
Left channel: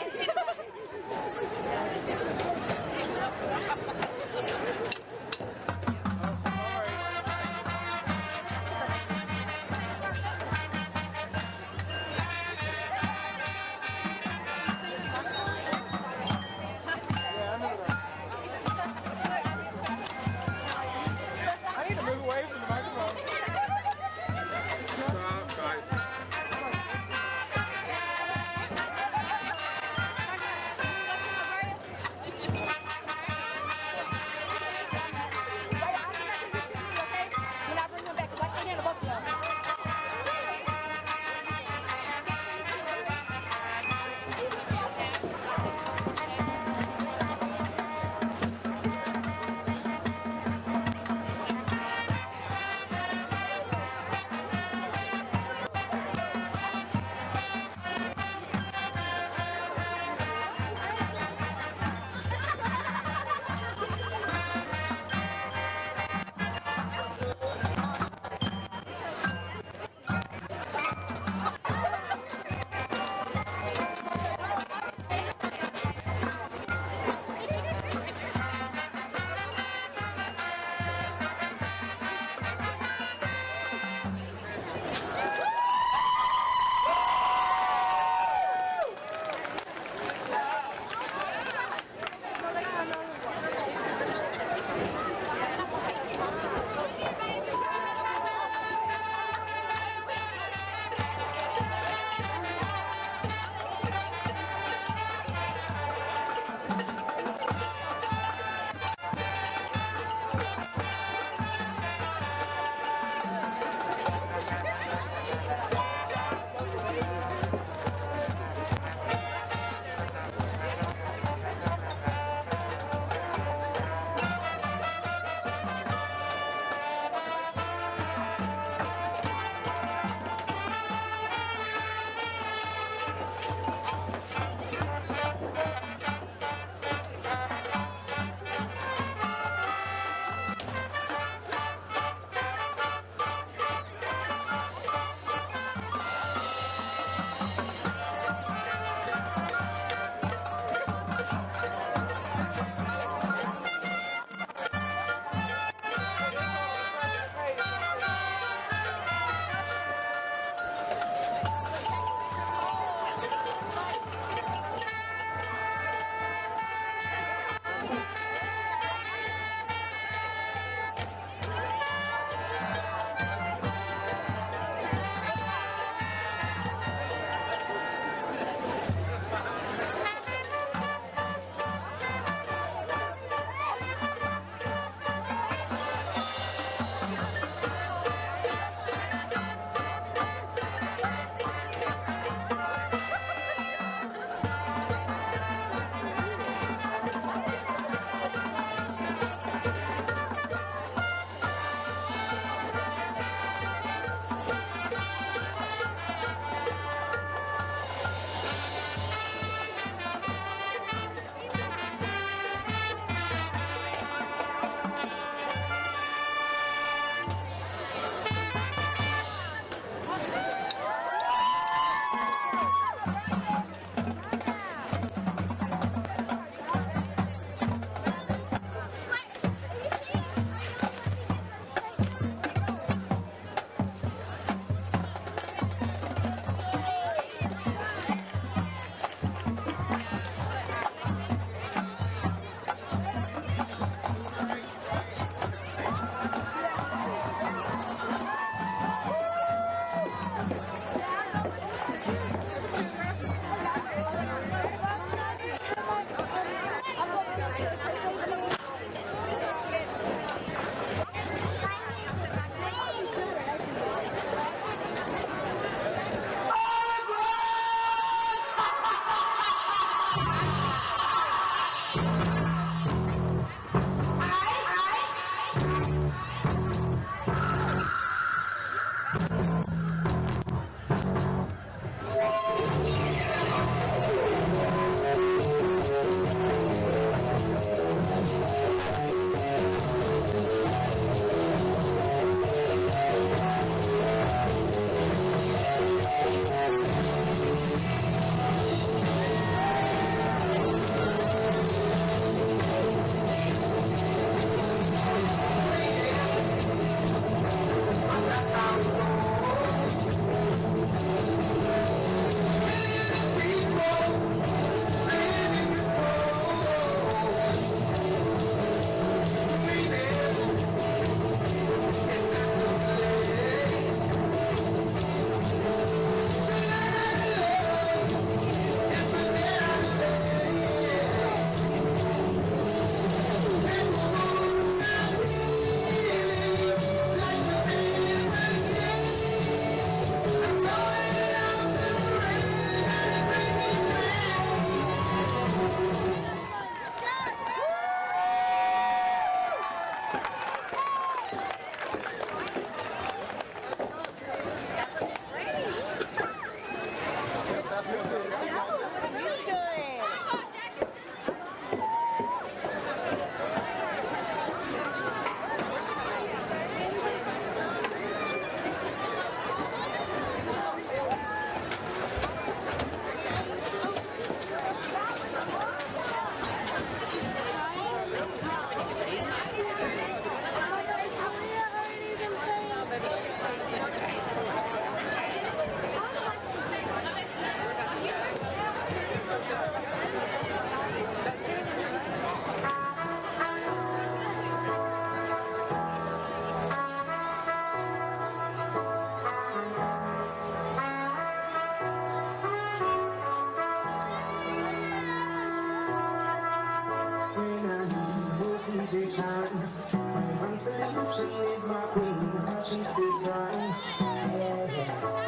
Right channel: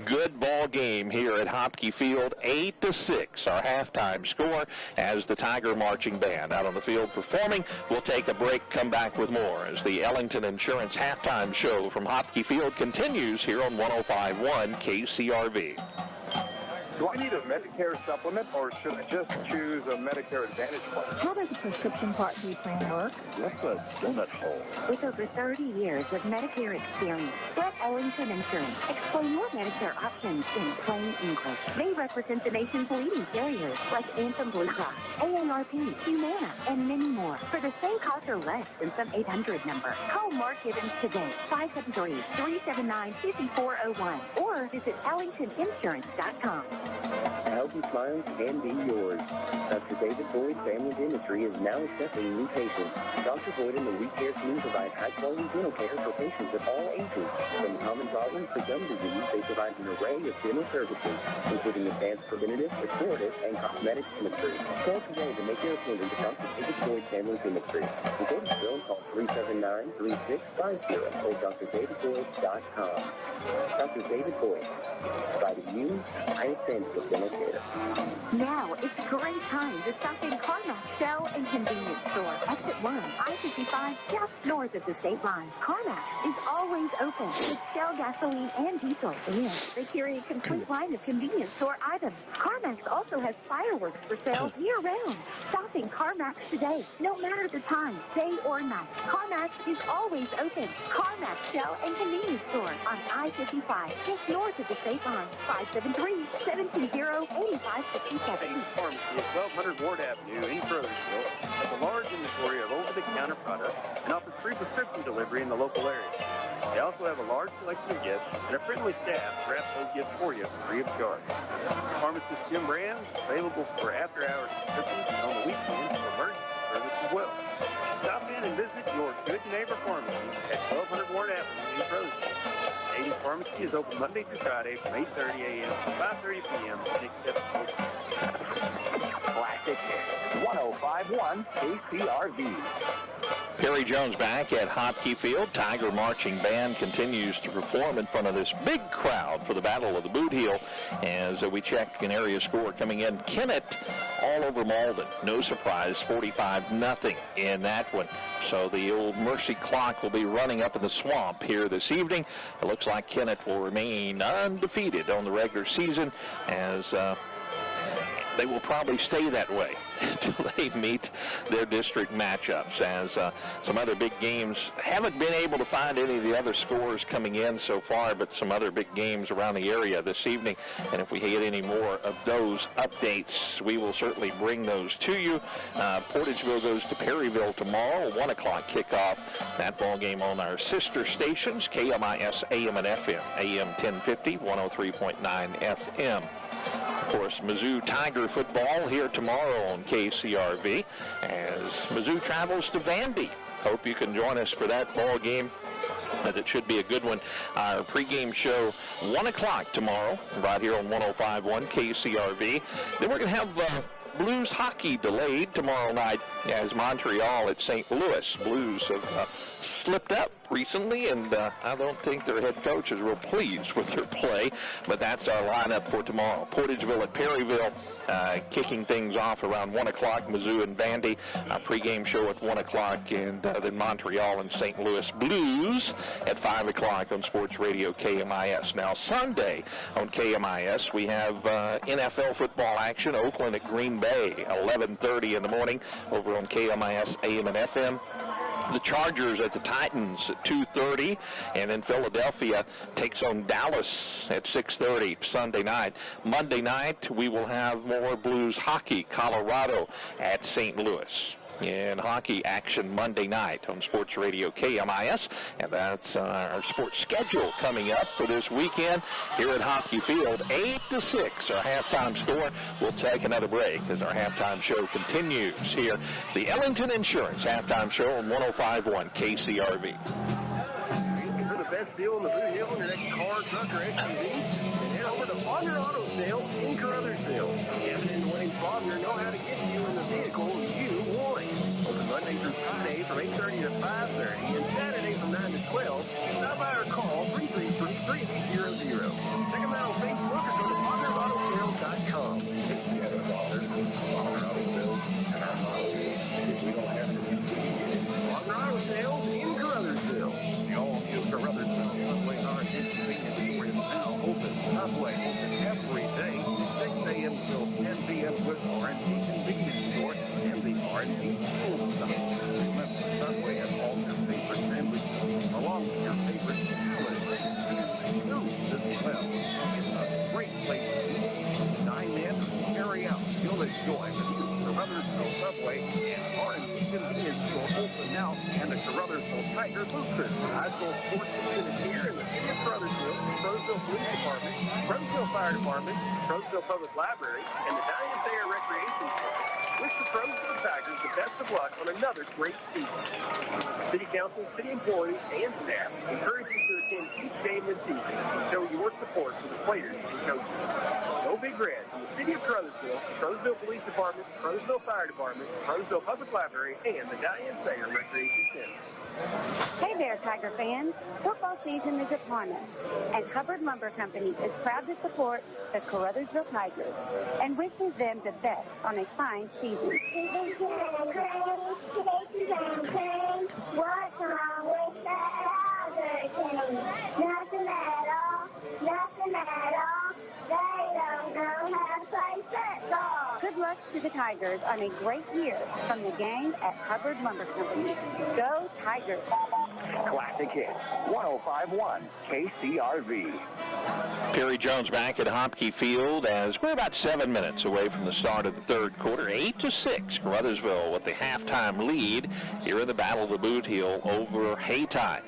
Good ball game here at Hopkey Field, 8-6, our halftime score as the Tiger Marching Band out on the field performing. We'll take a break, come back with more as the Ellington Insurance halftime show from Hopkey Field continues here on 105.1 KCRV. Do I need a Medicare supplement or should I just choose a Medicare Advantage plan? How does the prescription part do work? What's a donut hole? It over 30 years of Medicare experience. Brett Ellington Insurance. Explain your Medicare options in plain English. They represent the nation's leading carriers like Anthem Blue Cross, ANRP, Humana, and many more. For the same cost or less than some 800 number. Call Mark Gibbons today, 573-379-5401, or visit AllingtonInsurance.com. Healthy smiles can be yours. Dr. David Ford Family Dentistry is now accepting new patients. Dr. Ford and the Elite Care team provide high-quality dental care for patients of all ages. From common problems to gum disease, they provide an array of dental services, including advanced preventative, restorative, and cosmetic dentistry. Call today to make your appointment to Dr. David Ford Family Dentistry. In Caruthersville, call 379-3650 or drdavidford.com. Dr. David Ford, providing you the highest standards of dental care. Now it's a great time to stop in Carmel Cell and Convenience Store. Exit 1, I-55, just north of the state line. Carmel is always open with Shell gasoline and diesel. This area is complete line of convenience store items. Carmel also has fireworks for sale year-round. Stop in Carmax today. No matter the time, day or night, Carmax is always open. Carmax Shell and Convenience Store on I-55, just north of the state line. 573-720-8557. It's 1200 Ward Avenue in Caruthersville. The large inventory of over-the-counter products, now for free prescription delivery in the local area. They also have a large selection of gifts, and are frequently staffed to wrap those gifts for you free of charge. Pharmacist Jim Rand, available for after-hours prescriptions on the weekends for emergency service as well. Stop in and visit your good neighbor pharmacy at 1200 Ward Avenue in Caruthersville. Daily Pharmacy is open Monday through Friday at 8:30 a.m. to 5:30 p.m. Classic 1051 KCRV. Kerry Jones back at Hockey Field. Tiger Marching Band continues to perform in front of this big crowd for the Battle of the Boot Heel. As we check an area score coming in, Kennett all over Malden. No surprise, 45-0 in that one. So the old Mercy clock will be running up in the swamp here this evening. It looks like Kennett will remain undefeated on the regular season as they will probably stay that way until they meet their district matchups, as some other big games. Haven't been able to find any of the other scores coming in so far, but some other big games around the area this evening. And if we get any more of those updates, we will certainly bring those to you. Portageville goes to Perryville tomorrow, 1 o'clock kickoff. That ball game on our sister stations, KMIS AM and FM, AM 1050, 103.9 FM. Of course, Mizzou Tiger football here tomorrow on KCRV as Mizzou travels to Vandy. Hope you can join us for that ball game. It should be a good one. Our pregame show, 1 o'clock tomorrow, right here on 105.1 KCRV. Then we're going to have Blues hockey delayed tomorrow night as Montreal at St. Louis. Blues have slipped up recently, and I don't think their head coaches were pleased with their play, but that's our lineup for tomorrow. Portageville at Perryville, kicking things off around 1 o'clock, Mizzou and Vandy. Our pregame show at 1 o'clock, and then Montreal and St. Louis Blues at 5 o'clock on Sports Radio KMIS. Now, Sunday on KMIS, we have NFL football action, Oakland at Green Bay, 11:30 in the morning over on KMIS AM and FM. The Chargers at the Titans at 2:30, and then Philadelphia takes on Dallas at 6:30 Sunday night. Monday night, we will have more Blues hockey, Colorado at St. Louis. And hockey action Monday night on Sports Radio KMIS. And that's our sports schedule coming up for this weekend here at Hockey Field. 8-6, our halftime score. We'll take another break as our halftime show continues here. The Ellington Insurance halftime show on 105.1 KCRV. For the best deal of the announcing to the employees and staff that the standards to show your support to players and coaches. Go Big Red, City of Caruthersville, Caruthersville Police Department, Caruthersville Fire Department, Caruthersville Public Library, and Italian State. Hey there, Tiger fans. Football season is upon us, and Hubbard Lumber Company is proud to support the Caruthersville Tigers and wishes them the best on a fine season. Good luck to the Tigers on a great year from the gang at Hubbard Lumber Company. Go Tigers! Classic hit, 105.1 KCRV. Perry Jones back at Hopkey Field as we're about 7 minutes away from the start of the third quarter. 8-6, Caruthersville with the halftime lead here in the Battle of the Boot Heel over Hayti.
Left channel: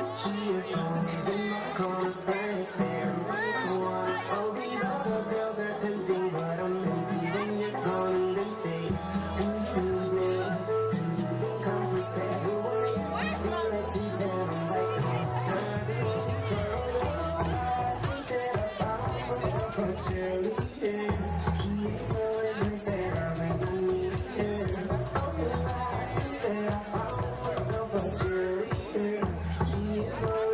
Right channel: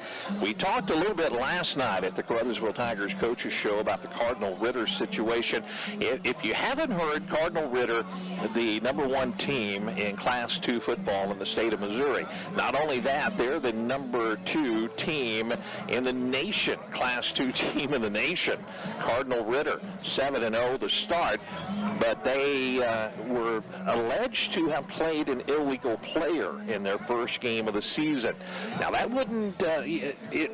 We talked a little bit last night at the Caruthersville Tigers coaches show about the Cardinal Ritter situation. If you haven't heard, Cardinal Ritter, the #1 team in Class 2 football in the state of Missouri. Not only that, they're the #2 team in the nation, Class 2 team in the nation. Cardinal Ritter, 7-0 to start, but they were alleged to have played an illegal player in their first game of the season. Now that wouldn't,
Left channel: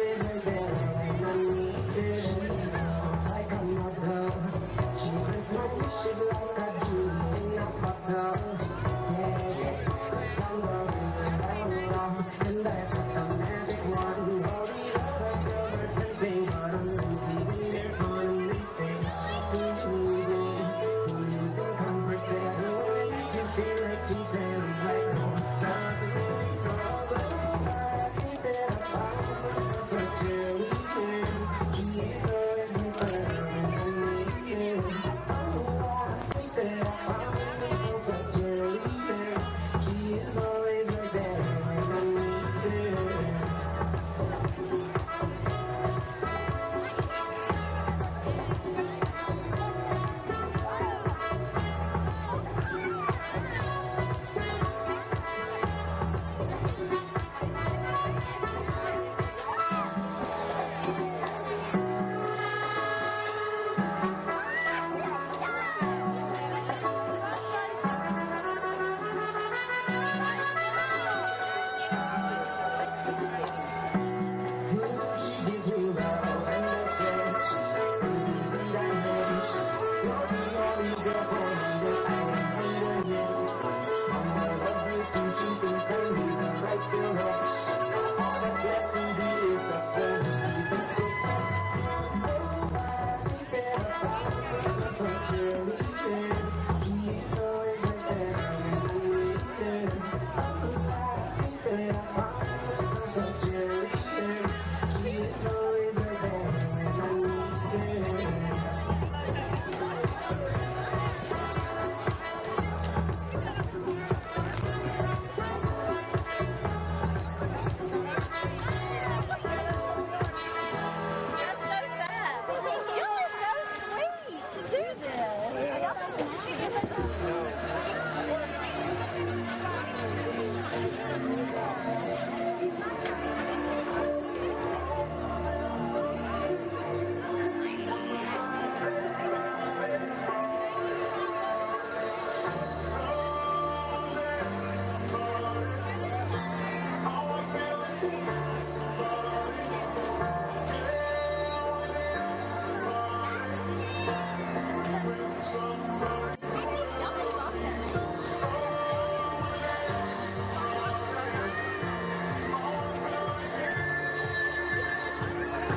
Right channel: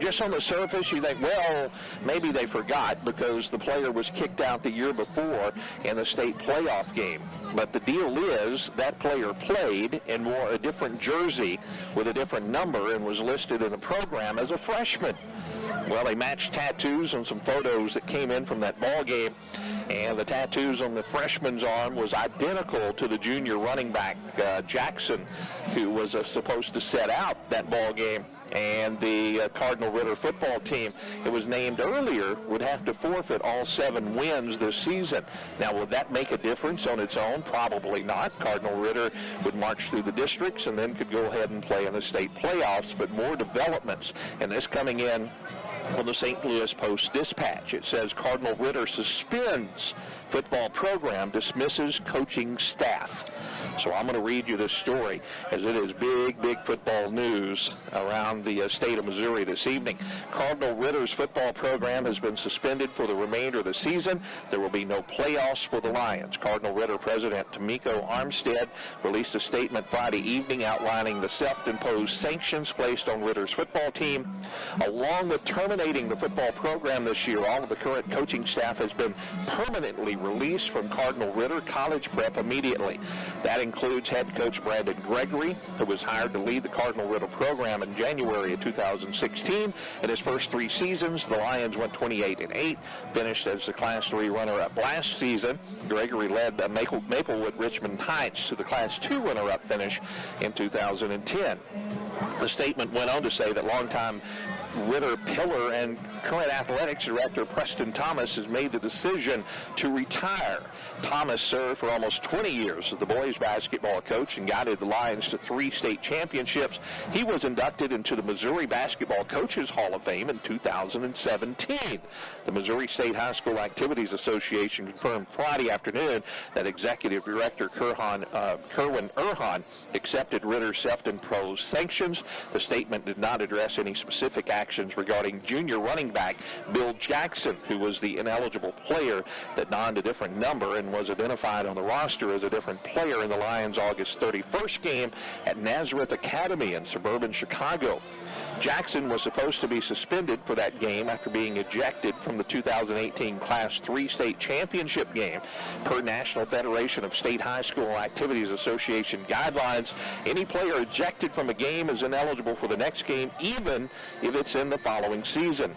just on the surface, you think, well, maybe they forgot because the player was kicked out the year before in the state playoff game. But the deal is that player played and wore a different jersey with a different number and was listed in the program as a freshman. Well, they matched tattoos and some photos that came in from that ball game, and the tattoos on the freshman's arm was identical to the junior running back Jackson, who was supposed to set out that ball game. And the Cardinal Ritter football team that was named earlier would have to forfeit all 7 wins this season. Now, will that make a difference on its own? Probably not. Cardinal Ritter would march through the districts and then could go ahead and play in the state playoffs, but more developments. And this coming in from the St. Louis Post-Dispatch. It says Cardinal Ritter suspends football program, dismisses coaching staff. So I'm going to read you this story, as it is big football news around the state of Missouri this evening. Cardinal Ritter's football program has been suspended for the remainder of the season. There will be no playoffs for the Lions. Cardinal Ritter President Tamiko Armstead released a statement Friday evening outlining the self-imposed sanctions placed on Ritter's football team. Along with terminating the football program this year, all of the current coaching staff has been permanently released from Cardinal Ritter College Prep immediately. That includes head coach Brandon Gregory, who was hired to lead the Cardinal Ritter program in January of 2016. In his first 3 seasons, the Lions went 28-8, finished as the Class 3 runner-up last season. Gregory led Maplewood Richmond Heights to the Class 2 runner-up finish in 2010. The statement went on to say that longtime Ritter pillar and current athletics director Preston Thomas has made the decision to retire. Thomas served for almost 20 years as the boys basketball coach and guided the Lions to 3 state championships. He was inducted into the Missouri Basketball Coaches Hall of Fame in 2017. The Missouri State High School Activities Association confirmed Friday afternoon that Executive Director Kerwin Erhan accepted Ritter's self-imposed sanctions. The statement did not address any specific actions regarding junior running back Bill Jackson, who was the ineligible player that donned a different number and was identified on the roster as a different player in the Lions' August 31st game at Nazareth Academy in suburban Chicago. Jackson was supposed to be suspended for that game after being ejected from the 2018 Class 3 state championship game. Per National Federation of State High School Activities Association guidelines, any player ejected from a game is ineligible for the next game, even if it's in the following season.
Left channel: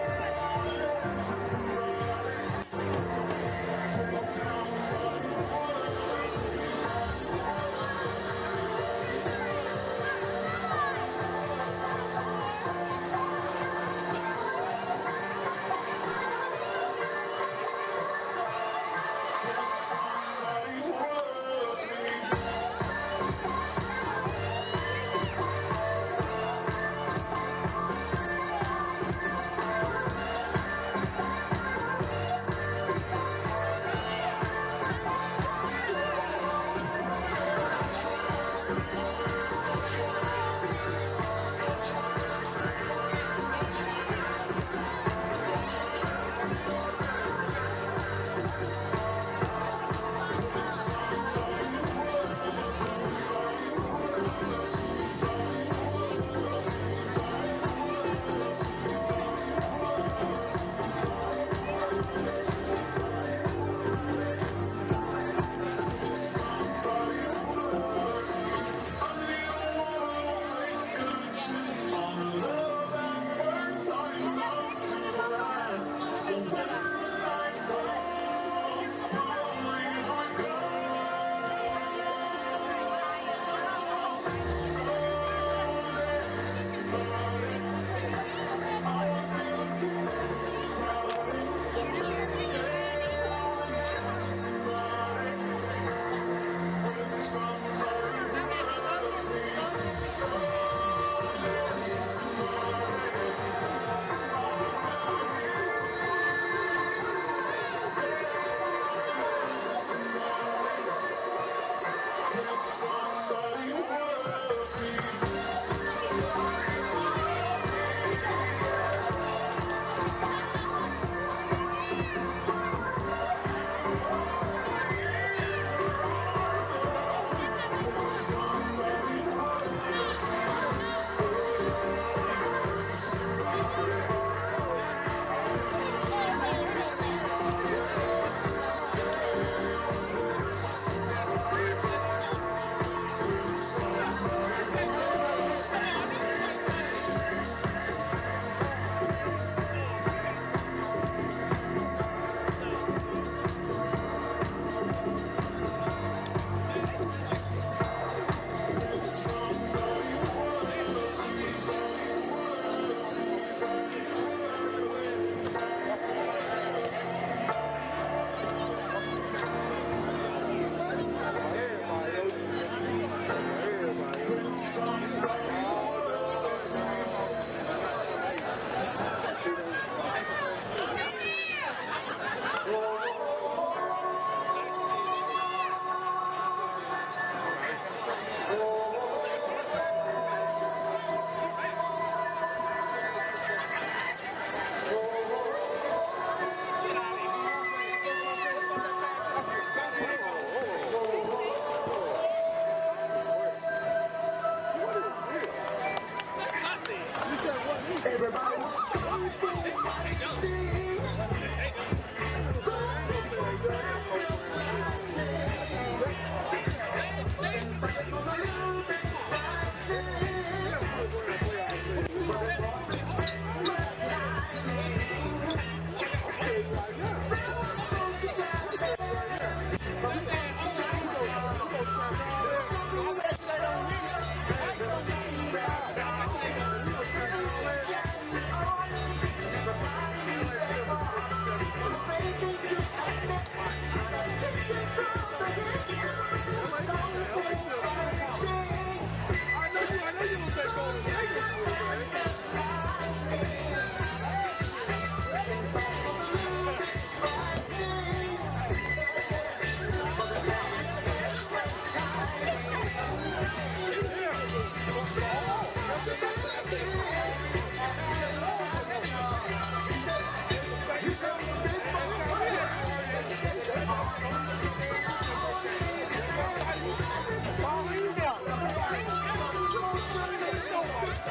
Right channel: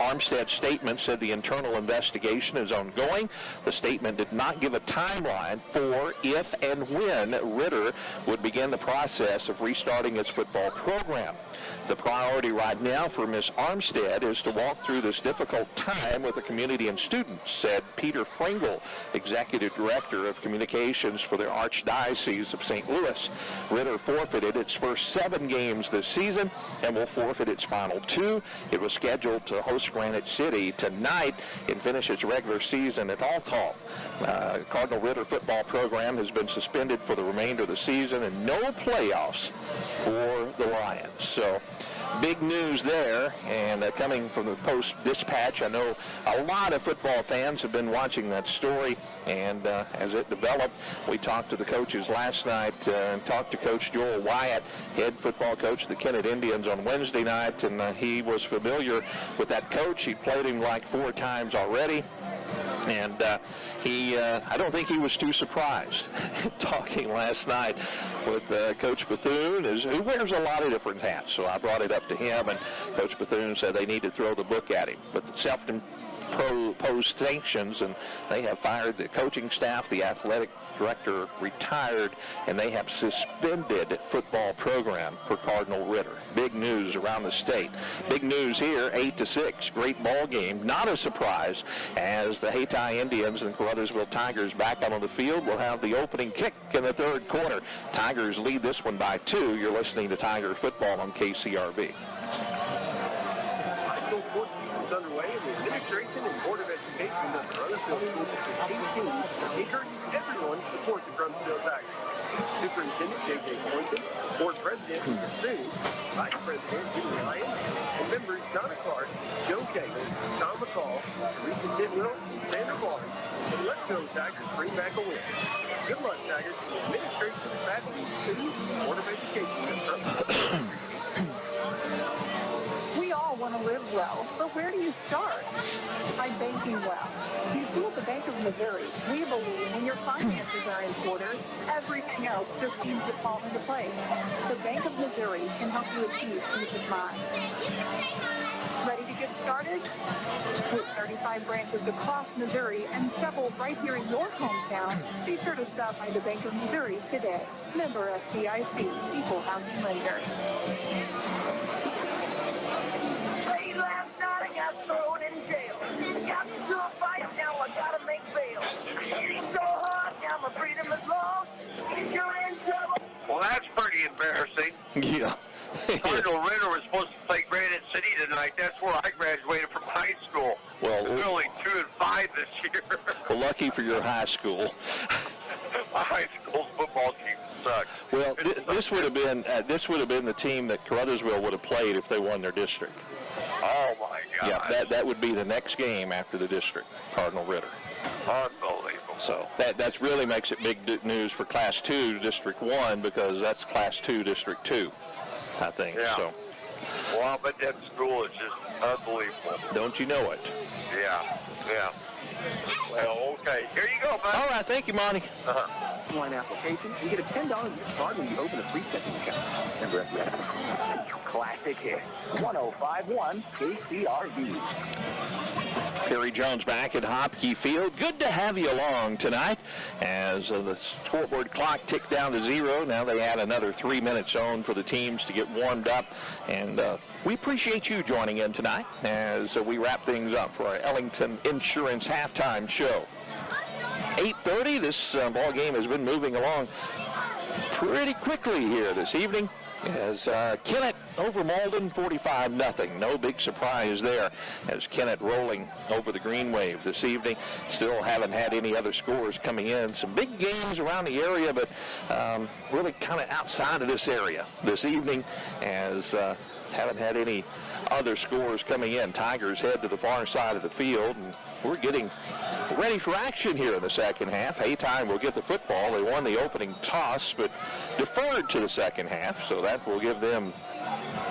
Armstead's statement said the internal investigation is ongoing. The statement did not give a timeline for if and when Ritter would begin the process of restarting his football program. The priority right now for Ms. Armstead is to walk through this difficult time with the community and students, said Peter Pringle, Executive Director of Communications for the Archdiocese of St. Louis. Ritter forfeited its first 7 games this season and will forfeit its final 2. It was scheduled to host Granite City tonight and finish its regular season at Alcott. Cardinal Ritter football program has been suspended for the remainder of the season and no playoffs for the Lions. So big news there, and coming from the Post-Dispatch. I know a lot of football fans have been watching that story, and as it developed, we talked to the coaches last night and talked to Coach Joel Wyatt, head football coach of the Kennett Indians, on Wednesday night, and he was familiar with that coach. He played him like 4 times already, and I don't think he was too surprised talking last night with Coach Bethune, who wears a lot of different hats. So I brought it up to him, and Coach Bethune said they need to throw the book at him. But self-imposed sanctions, and they have fired the coaching staff, the athletic director retired, and they have suspended the football program for Cardinal Rip. Big news around the state. Big news here, 8-6, great ball game. Not a surprise, as the Hayti Indians and Caruthersville Tigers back on the field will have the opening kick in the 3rd quarter. Tigers lead this one by 2. You're listening to Tiger Football on KCRV. Lucky for your high school. High school football team sucks. Well, this would have been the team that Caruthersville would have played if they won their district. Oh my God. Yeah, that would be the next game after the district, Cardinal Rip. Unbelievable. So that really makes it big news for Class 2 District 1, because that's Class 2 District 2, I think. Yeah. So. Well, but that school is unbelievable. Don't you know it? Yeah. Okay, here you go, man. All right, thank you, Monty. One application, you get a $10 per card when you open a 3-second account. Classic Hits, 1051 KCRV. Terry Jones back at Hopkey Field. Good to have you along tonight. As the scoreboard clock ticked down to 0, now they add another 3 minutes on for the teams to get warmed up. And we appreciate you joining in tonight as we wrap things up for our Ellington Insurance halftime show. 8:30, this ball game has been moving along pretty quickly here this evening. As Kennett over Malden, 45-0. No big surprise there as Kennett rolling over the Greenway this evening. Still haven't had any other scores coming in. Some big games around the area, but really kind of outside of this area this evening, as haven't had any other scores coming in. Tigers head to the far side of the field. We're getting ready for action here in the second half. Hayti will get the football. They won the opening toss, but deferred to the second half, so that will give them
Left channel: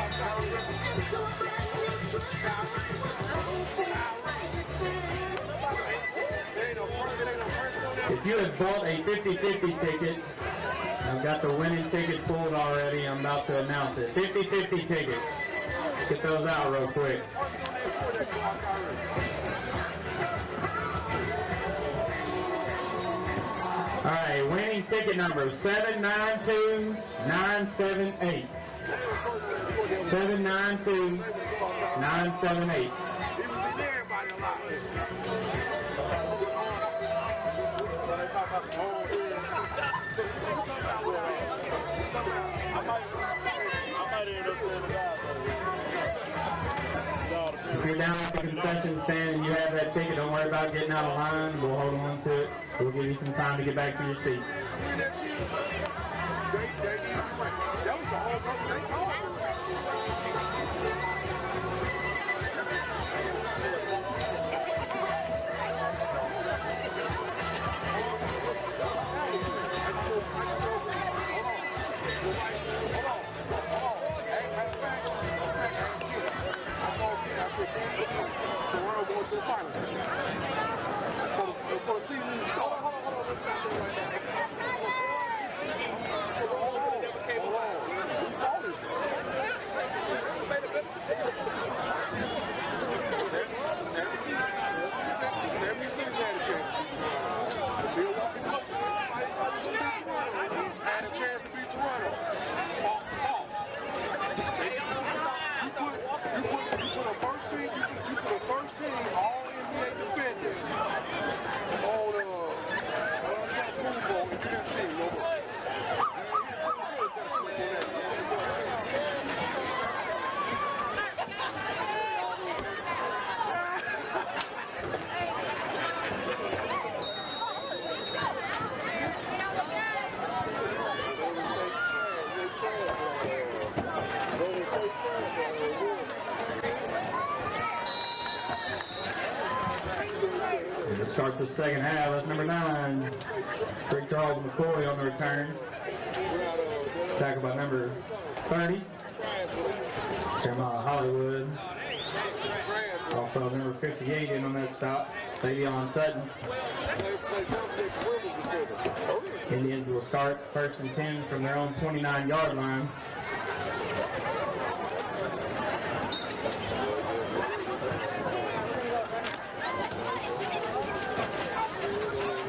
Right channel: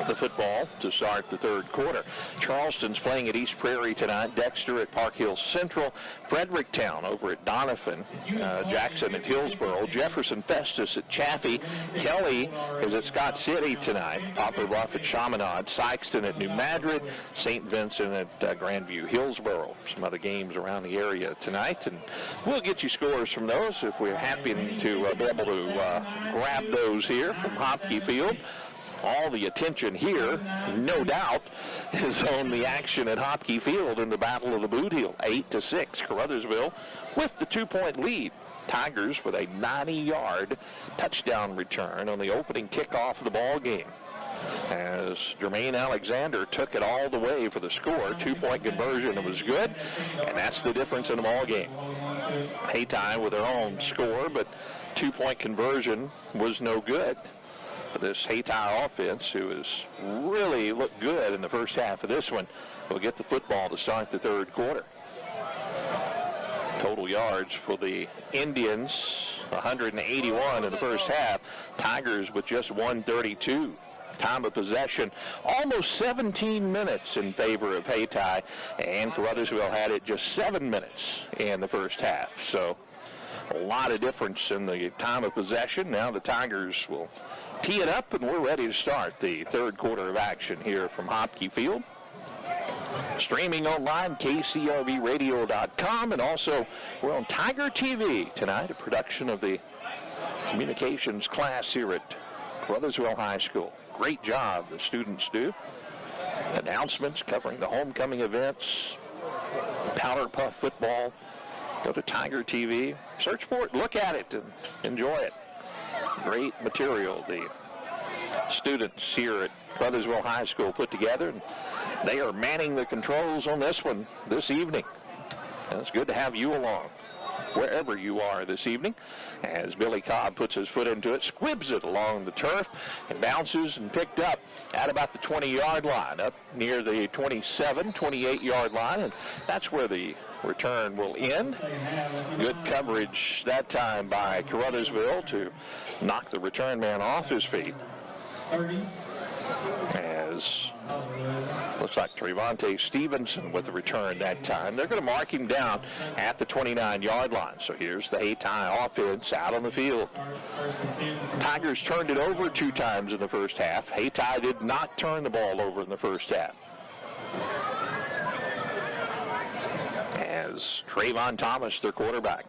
the football to start the 3rd quarter. Charleston's playing at East Prairie tonight. Dexter at Park Hill Central. Fredericktown over at Donovan. Jackson at Hillsboro. Jefferson Festus at Chaffee. Kelly is at Scott City tonight. Upper Rock at Chaminade. Sykeston at New Madrid. St. Vincent at Grandview. Hillsboro. Some other games around the area tonight. And we'll get you scores from those if we're happy to wrap those here from Hopkey Field. All the attention here, no doubt, is on the action at Hopkey Field in the Battle of the Boot Heel. 8-6, Caruthersville with the 2-point lead. Tigers with a 90-yard touchdown return on the opening kickoff of the ball game. As Jermaine Alexander took it all the way for the score. 2-point conversion was good. That's the difference in the ball game. Hayti with their own score, but 2-point conversion was no good. this Hayti offense, who has really looked good in the first half of this one, will get the football to start the third quarter. Total yards for the Indians, 181 in the first half. Tigers with just 132. Time of possession, almost 17 minutes in favor of Hayti, and Caruthersville had it just 7 minutes in the first half. So a lot of difference in the time of possession. Now the Tigers will tee it up, and we're ready to start the third quarter of action here from Hockey Field. Streaming online, KCRVradio.com, and also we're on Tiger TV tonight, a production of the communications class here at Caruthersville High School. Great job the students do. Announcements covering the homecoming events, powder puff football. Go to Tiger TV. Search for it, look at it, enjoy it. Great material the students here at Caruthersville High School put together. They are manning the controls on this one this evening. It's good to have you along, wherever you are this evening. As Billy Cobb puts his foot into it, squibs it along the turf, bounces and picked up at about the 20-yard line, up near the 27, 28-yard line. And that's where the return will end. Good coverage that time by Caruthersville to knock the return man off his feet. 30. Hollywood. Looks like Trevante Stevenson with the return that time. They're going to mark him down at the 29-yard line. So here's the Hayti offense out on the field. Tigers turned it over 2 times in the first half. Hayti did not turn the ball over in the first half. As Trayvon Thomas, the quarterback,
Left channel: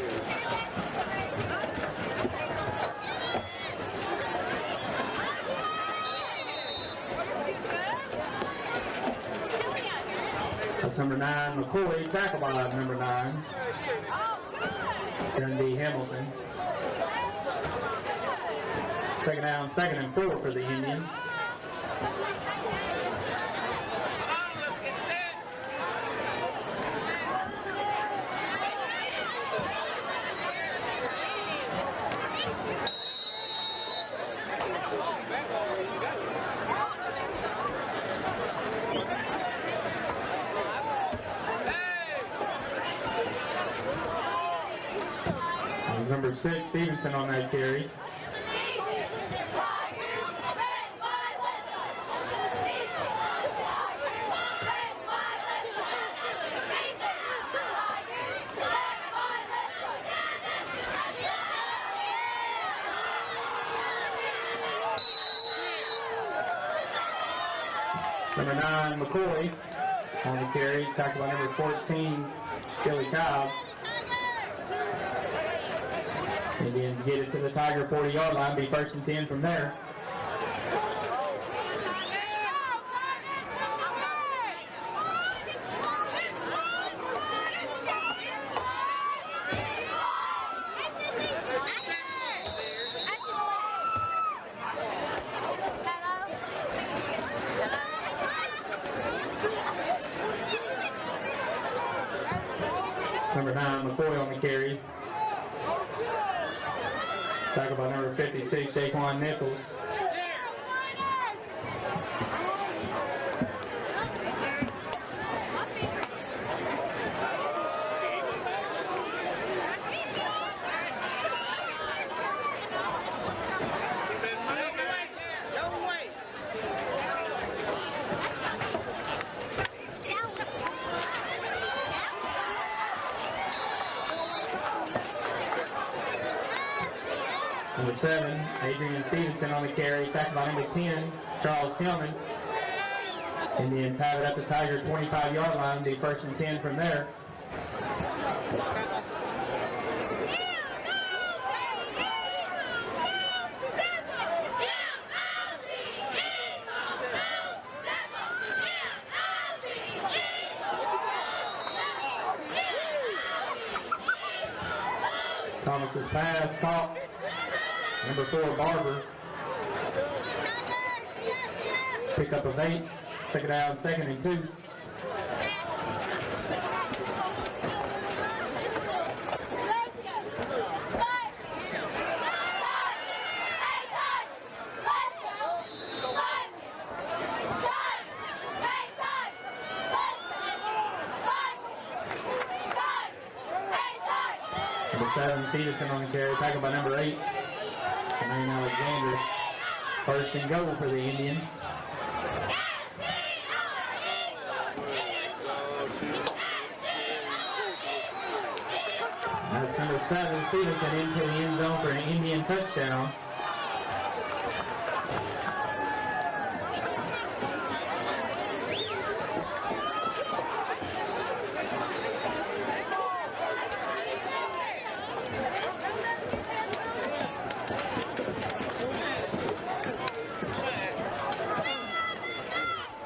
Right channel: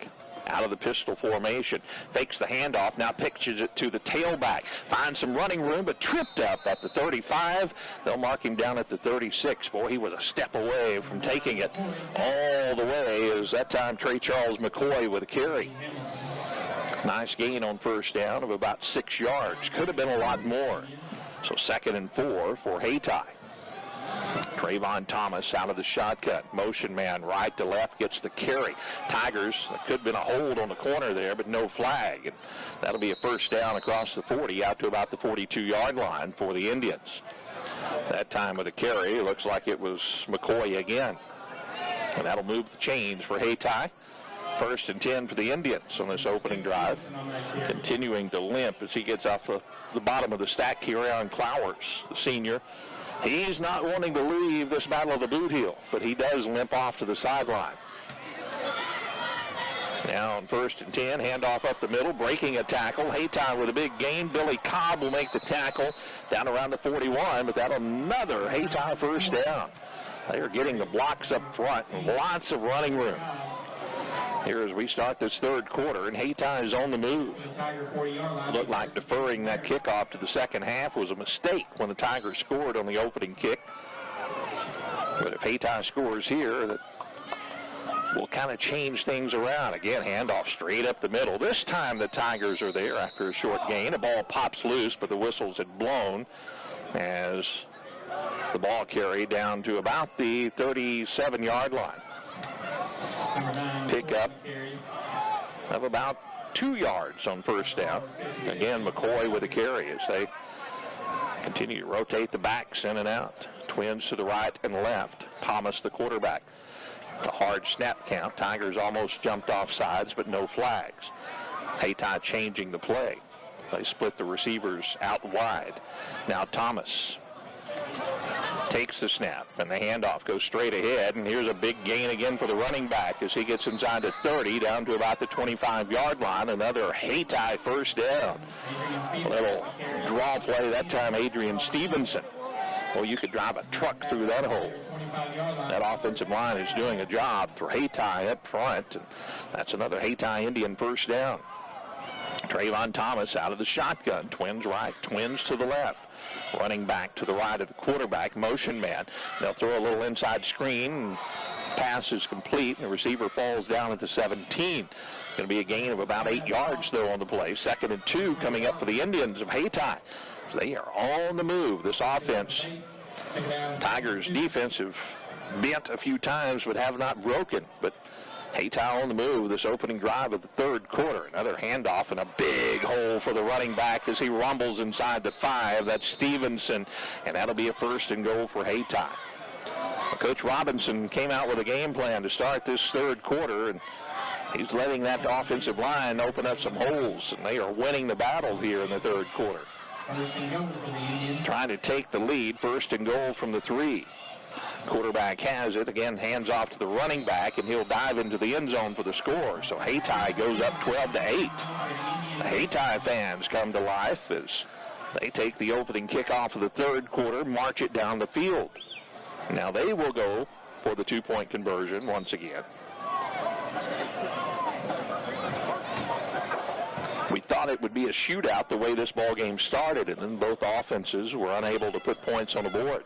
out of the pistol formation, fakes the handoff, now pitches it to the tailback, finds some running room, but tripped up at the 35. They'll mark him down at the 36. Boy, he was a step away from taking it all the way, as that time Trey Charles McCoy would carry. Nice gain on first down of about 6 yards. Could have been a lot more. So 2nd and 4 for Hayti. Trayvon Thomas out of the shotgun. Motion man right to left gets the carry. Tigers, could have been a hold on the corner there, but no flag. And that'll be a first down across the 40 out to about the 42-yard line for the Indians. That time of the carry, looks like it was McCoy again. And that'll move the chain for Hayti. 1st and 10 for the Indians on this opening drive. Continuing to limp as he gets up the bottom of the stack here on Clowers, the senior. He's not wanting to leave this battle of the boot heel, but he does limp off to the sideline. Now, 1st and 10, handoff up the middle, breaking a tackle. Hayti with a big gain. Billy Cobb will make the tackle down around the 41, but that another Hayti first down. They're getting the blocks up front. Lots of running room here as we start this third quarter. Hayti is on the move. Looked like deferring that kickoff to the second half was a mistake when the Tigers scored on the opening kick. But if Hayti scores here, will kind of change things around. Again, handoff straight up the middle. This time the Tigers are there after a short gain. The ball pops loose, but the whistles had blown as the ball carried down to about the 37-yard line. Pick up of about 2 yards on first down. Again, McCoy with a carry as they continue to rotate the backs in and out. Twins to the right and left. Thomas, the quarterback. A hard snap count. Tigers almost jumped off sides, but no flags. Hayti changing the play. They split the receivers out wide. Now Thomas takes the snap, and the handoff goes straight ahead, and here's a big gain again for the running back as he gets inside the 30, down to about the 25-yard line. Another Hayti first down. Draw play that time, Adrian Stevenson. Well, you could drive a truck through that hole. That offensive line is doing a job for Hayti up front. That's another Hayti Indian first down. Trayvon Thomas out of the shotgun. Twins right, twins to the left. Running back to the right of the quarterback, motion man. They'll throw a little inside screen. Pass is complete. The receiver falls down at the 17. Going to be a gain of about 8 yards though on the play. 2nd and 2 coming up for the Indians of Hayti. They are on the move, this offense. Tigers defense have bent a few times but have not broken. But Hayti on the move this opening drive of the third quarter. Another handoff and a big hole for the running back as he rumbles inside the 5. That's Stevenson, and that'll be a first and goal for Hayti. Coach Robinson came out with a game plan to start this third quarter, and he's letting that offensive line open up some holes, and they are winning the battle here in the third quarter. First and goal for the Indians. Trying to take the lead, first and goal from the 3. Quarterback has it. Again, hands off to the running back, and he'll dive into the end zone for the score. So Hayti goes up 12-8. Hayti fans come to life as they take the opening kickoff of the third quarter, march it down the field. Now they will go for the 2-point conversion once again. We thought it would be a shootout the way this ball game started, and both offenses were unable to put points on the board.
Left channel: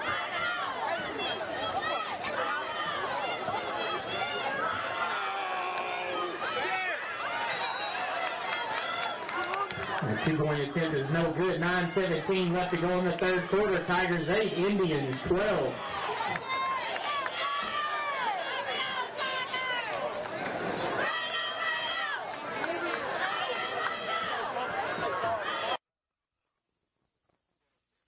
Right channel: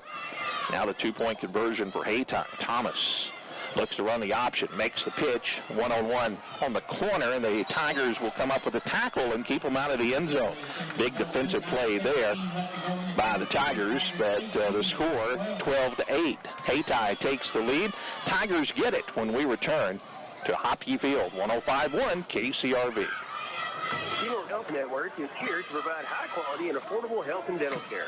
Now the 2-point conversion for Hayti. Thomas looks to run the option, makes the pitch, one-on-one on the corner, and the Tigers will come up with a tackle and keep them out of the end zone. Big defensive play there by the Tigers, but the score 12-8. Hayti takes the lead. Tigers get it when we return to Hockey Field, 105.1 KCRV. Health Network is here to provide high-quality and affordable health and dental care.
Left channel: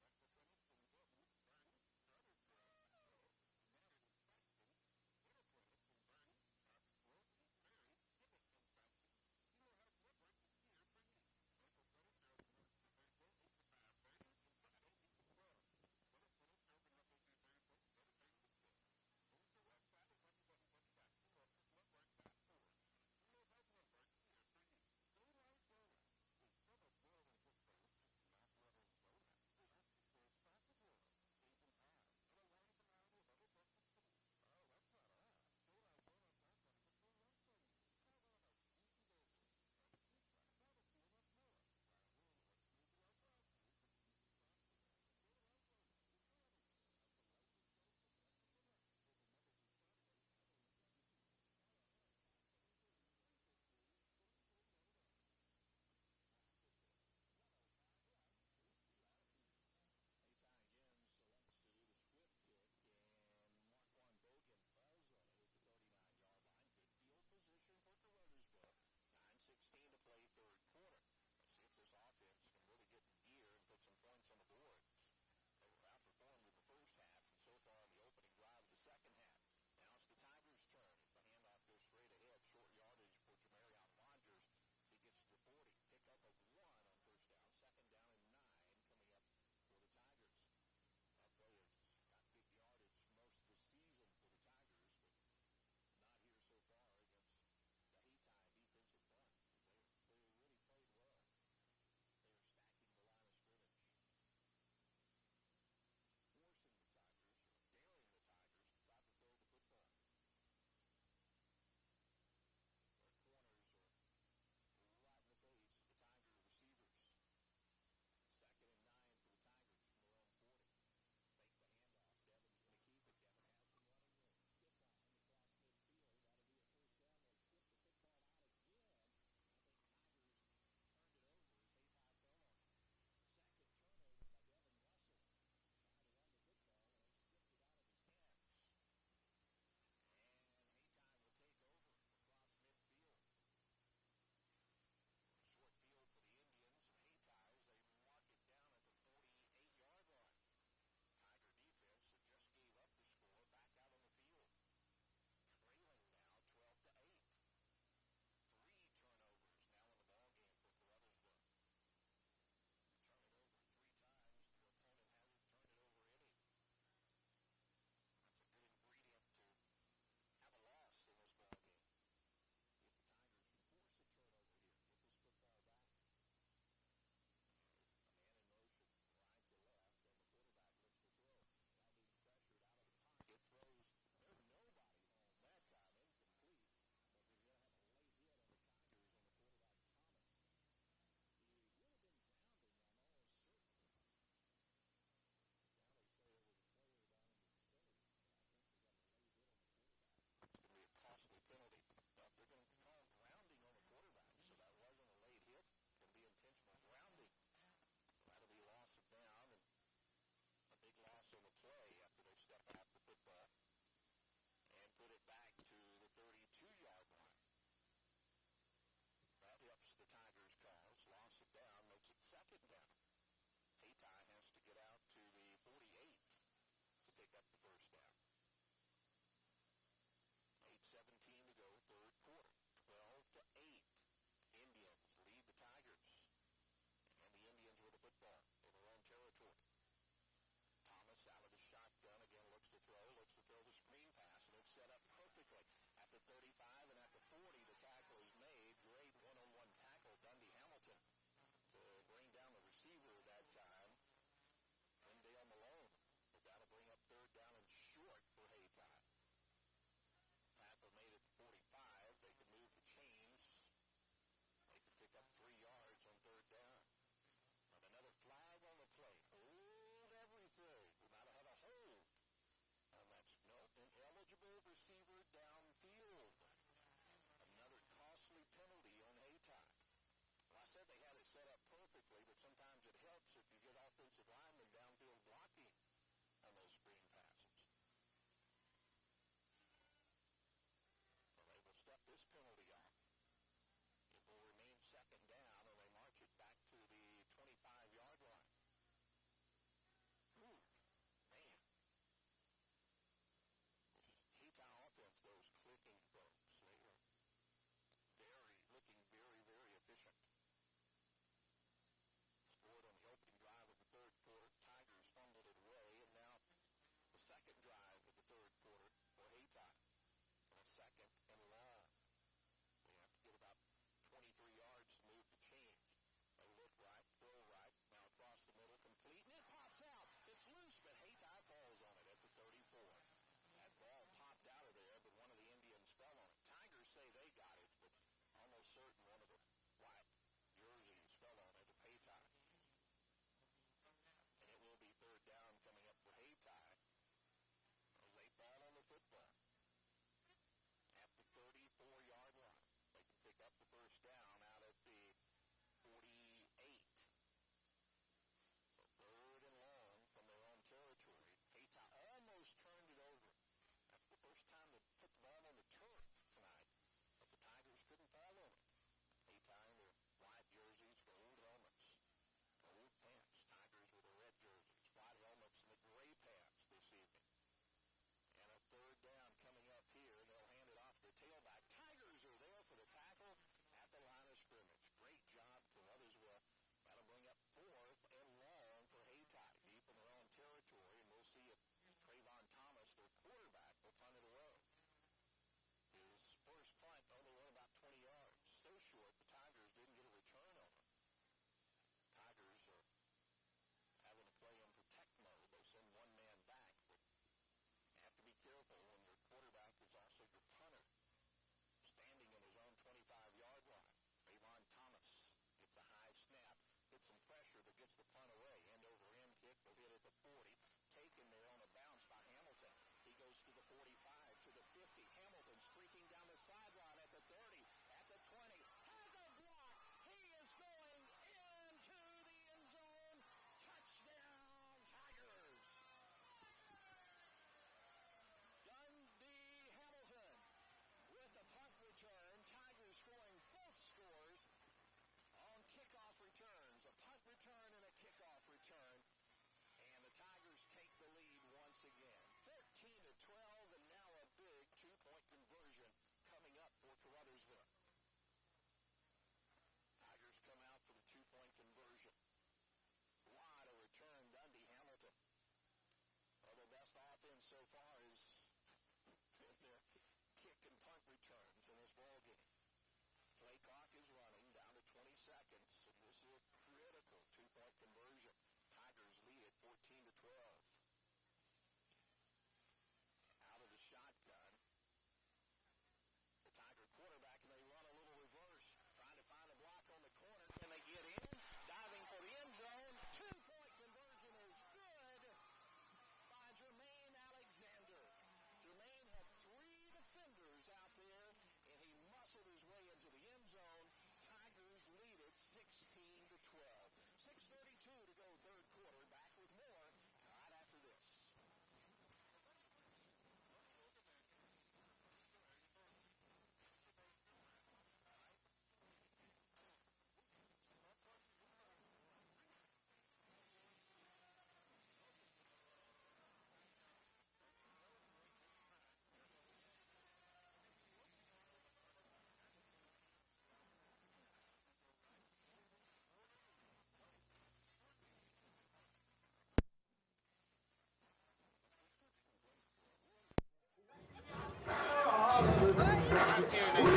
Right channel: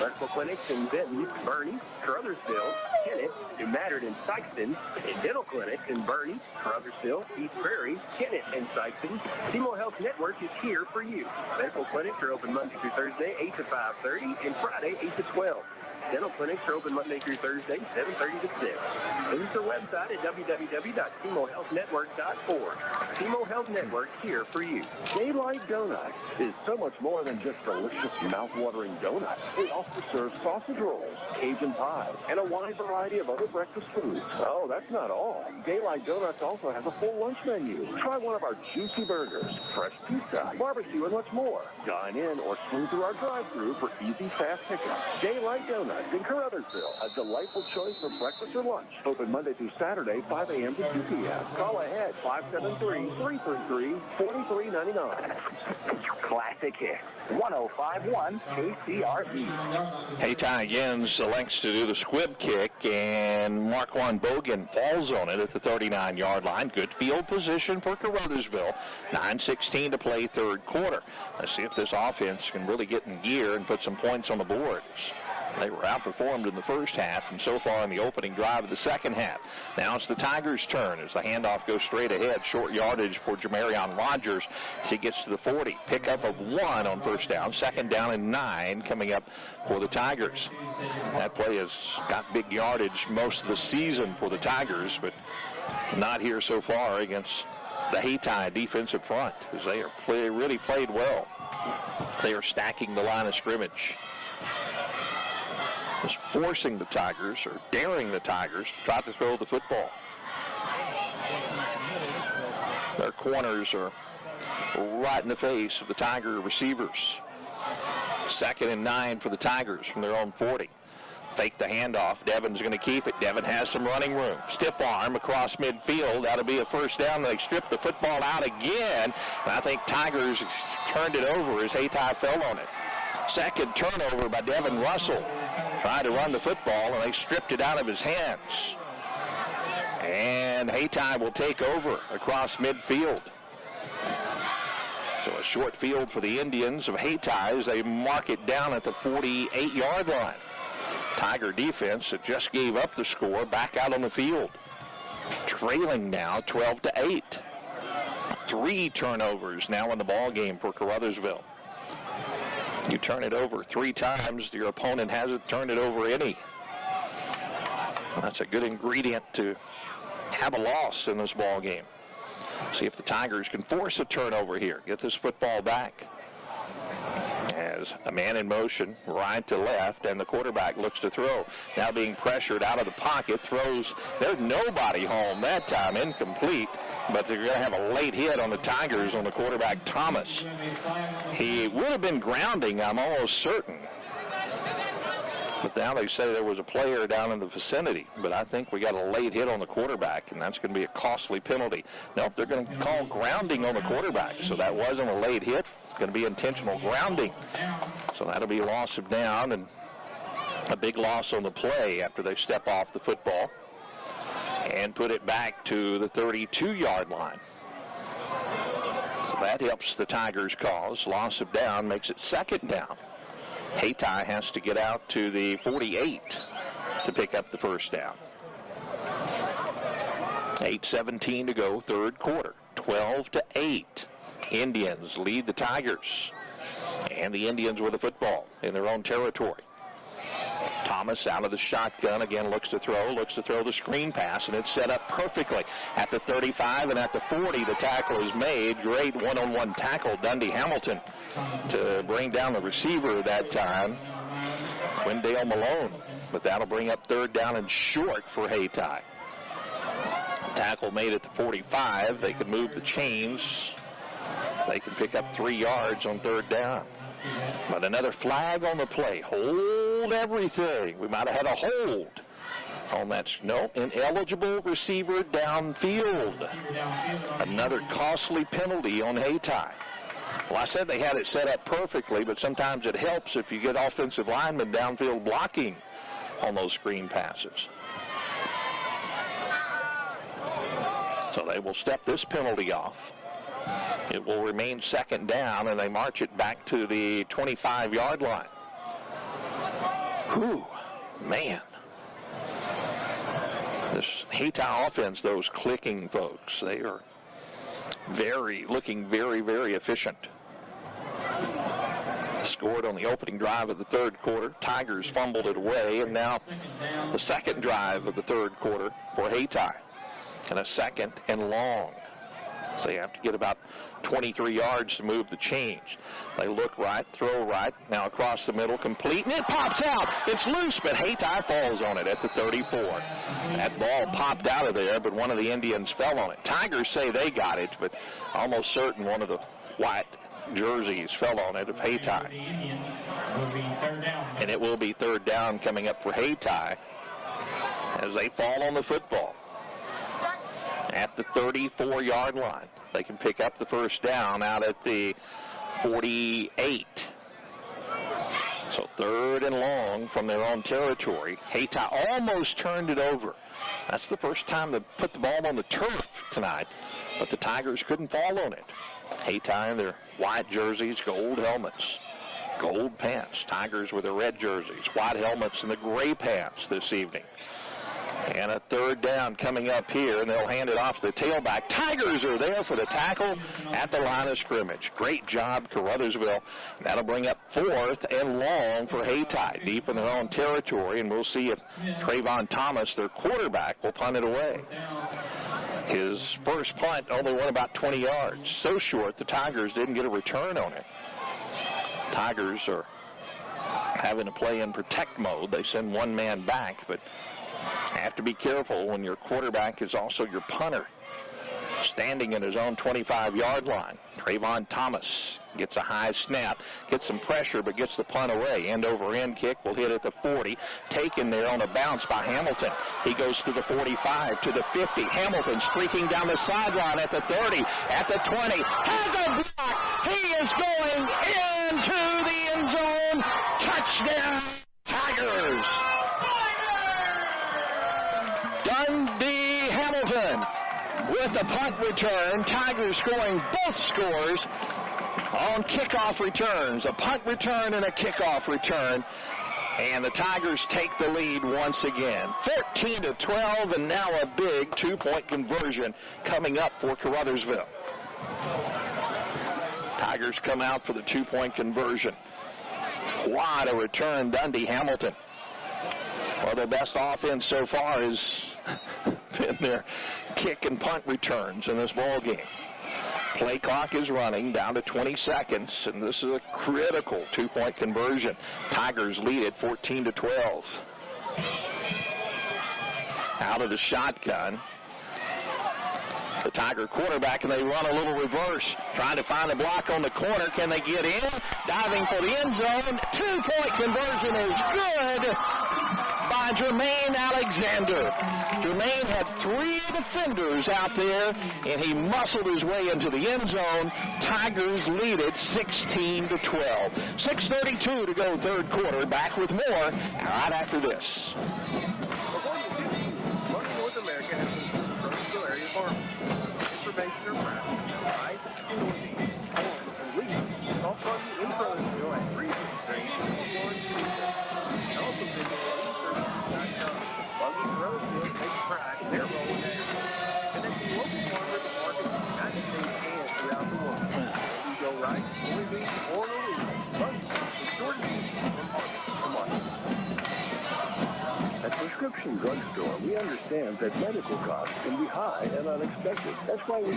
Medical clinics in Benton, Bernie, Caruthersville, Kennett, New Madrid, and Sykeston, and dental clinics in Bernie, Caruthersville, East Prairie, Kennett, and Sykeston. SEMO Health Network is here for you. Medical clinics are open Monday through Thursday, 8 to 5:30, and Friday, 8 to 12. Dental clinics are open Monday through Thursday, 7:30 to 6. Visit their website at www.semohealthnetwork.org. SEMO Health Network here for you. Daylight Donuts is so much more than just delicious, mouth-watering donuts. They also serve sausage rolls, Cajun pie, and a wide variety of other breakfast foods. Oh, that's not all. Daylight Donuts also has a full lunch menu. Try one of our juicy burgers, fresh pizza, barbecue, and much more. Dine in or swing through our drive-thru for easy, fast pickup. Daylight Donuts in Caruthersville, a delightful choice for breakfast or lunch. Open Monday through Saturday, 5 a.m. to 2 p.m. Call ahead, 573-333-4399. Classic hit, 105.1 KCRV. Hayti again selects to do the squib kick, and Marquand Bogan falls on it at the 39-yard line. Good field position for Caruthersville. 9:16 to play third quarter. Let's see if this offense can really get in gear and put some points on the boards. They were outperformed in the first half and so far in the opening drive of the second half. Now it's the Tigers' turn as the handoff goes straight ahead. Short yardage for Jamarion Rogers as he gets to the 40. Pickup of 1 on first down. Second down and 9 coming up for the Tigers. That play has got big yardage most of the season for the Tigers, but not here so far against the Hayti defensive front as they really played well. They are stacking the line of scrimmage. Is forcing the Tigers or daring the Tigers to try to throw the football. Their corners are right in the face of the Tiger receivers. Second and 9 for the Tigers from their own 40. Fake the handoff. Devin's going to keep it. Devin has some running room. Stiff arm across midfield. That'll be a first down. They strip the football out again. And I think Tigers turned it over as Hayti fell on it. Second turnover by Devin Russell. Tried to run the football, and they stripped it out of his hands. And Hayti will take over across midfield. So a short field for the Indians of Hayti as they mark it down at the 48-yard line. Tiger defense that just gave up the score back out on the field. Trailing now 12-8. 3 turnovers now in the ball game for Caruthersville. You turn it over 3 times, your opponent hasn't turned it over any. That's a good ingredient to have a loss in this ball game. See if the Tigers can force a turnover here. Get this football back. As a man in motion, right to left, and the quarterback looks to throw. Now being pressured out of the pocket, throws. There's nobody home that time, incomplete. But they're going to have a late hit on the Tigers on the quarterback, Thomas. He would have been grounding, I'm almost certain. But now they say there was a player down in the vicinity. But I think we got a late hit on the quarterback, and that's going to be a costly penalty. Nope, they're going to call grounding on the quarterback. So that wasn't a late hit. It's going to be intentional grounding. So that'll be a loss of down and a big loss on the play after they step off the football. and put it back to the 32-yard line. So that helps the Tigers' cause. Loss of down makes it second down. Hayti has to get out to the 48 to pick up the first down. 8:17 to go, third quarter. 12-8. Indians lead the Tigers. And the Indians with the football in their own territory. Thomas out of the shotgun, again looks to throw the screen pass, and it's set up perfectly at the 35 and at the 40. The tackle is made. Great one-on-one tackle, Dundee Hamilton, to bring down the receiver that time, Wendell Malone. But that'll bring up third down and short for Hayti. Tackle made at the 45. They can move the chains. They can pick up 3 yards on third down. But another flag on the play. Hold everything. We might have had a hold on that. No, ineligible receiver downfield. Another costly penalty on Hayti. Well, I said they had it set up perfectly, but sometimes it helps if you get offensive linemen downfield blocking on those screen passes. So they will step this penalty off. It will remain second down, and they march it back to the 25-yard line. Whew, man. This Hayti offense, those clicking folks, they are looking very, very efficient. Scored on the opening drive of the third quarter. Tigers fumbled it away, and now the second drive of the third quarter for Hayti. And a second and long. So you have to get about 23 yards to move the change. They look right, throw right, now across the middle, complete, and it pops out. It's loose, but Hayti falls on it at the 34. That ball popped out of there, but one of the Indians fell on it. Tigers say they got it, but almost certain one of the white jerseys fell on it of Hayti. And it will be third down coming up for Hayti as they fall on the football. At the 34-yard line. They can pick up the first down out at the 48. So third and long from their own territory. Hayti almost turned it over. That's the first time they put the ball on the turf tonight, but the Tigers couldn't fall on it. Hayti in their white jerseys, gold helmets, gold pants. Tigers with their red jerseys, white helmets, and the gray pants this evening. And a third down coming up here, and they'll hand it off to the tailback. Tigers are there for the tackle at the line of scrimmage. Great job, Caruthersville. That'll bring up fourth and long for Hayti, deep in their own territory, and we'll see if Trayvon Thomas, their quarterback, will punt it away. His first punt only went about 20 yards. So short, the Tigers didn't get a return on it. Tigers are having to play in protect mode. They send one man back, but have to be careful when your quarterback is also your punter. Standing in his own 25-yard line. Trayvon Thomas gets a high snap, gets some pressure, but gets the punt away. End-over-end kick will hit at the 40. Taken there on a bounce by Hamilton. He goes to the 45, to the 50. Hamilton streaking down the sideline at the 30, at the 20. Has a block. He is going into the end zone. Touchdown, Tigers. Dundee Hamilton with the punt return. Tigers scoring both scores on kickoff returns. A punt return and a kickoff return. And the Tigers take the lead once again. 13-12, and now a big two-point conversion coming up for Caruthersville. Tigers come out for the two-point conversion. What a return, Dundee Hamilton. Well, their best offense so far has been their kick and punt returns in this ball game. Play clock is running down to 20 seconds, and this is a critical two-point conversion. Tigers lead it 14-12. Out of the shotgun. The Tiger quarterback, and they run a little reverse, trying to find a block on the corner. Can they get in? Diving for the end zone. Two-point conversion is good by Jermaine Alexander. Jermaine had three defenders out there, and he muscled his way into the end zone. Tigers lead it 16-12. 6:32 to go third quarter. Back with more right after this. North America has been prescription drugstore, we understand that medical costs can be high and unexpected. That's why we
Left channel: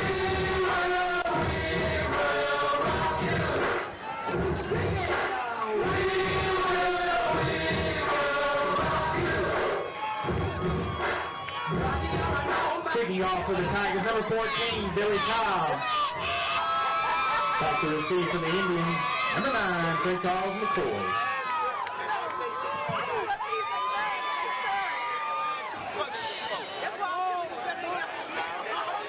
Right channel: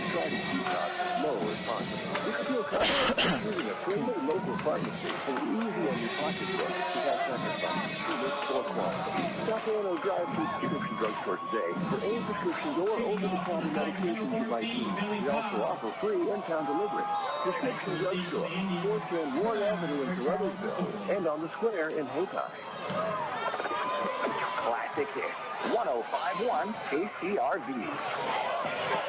Kicking off for the Tigers, number 14, Billy Giles. To receive for the Indians, quick ball from the four. And on the square in Hayti. Classic hit. 105-1 KCRV.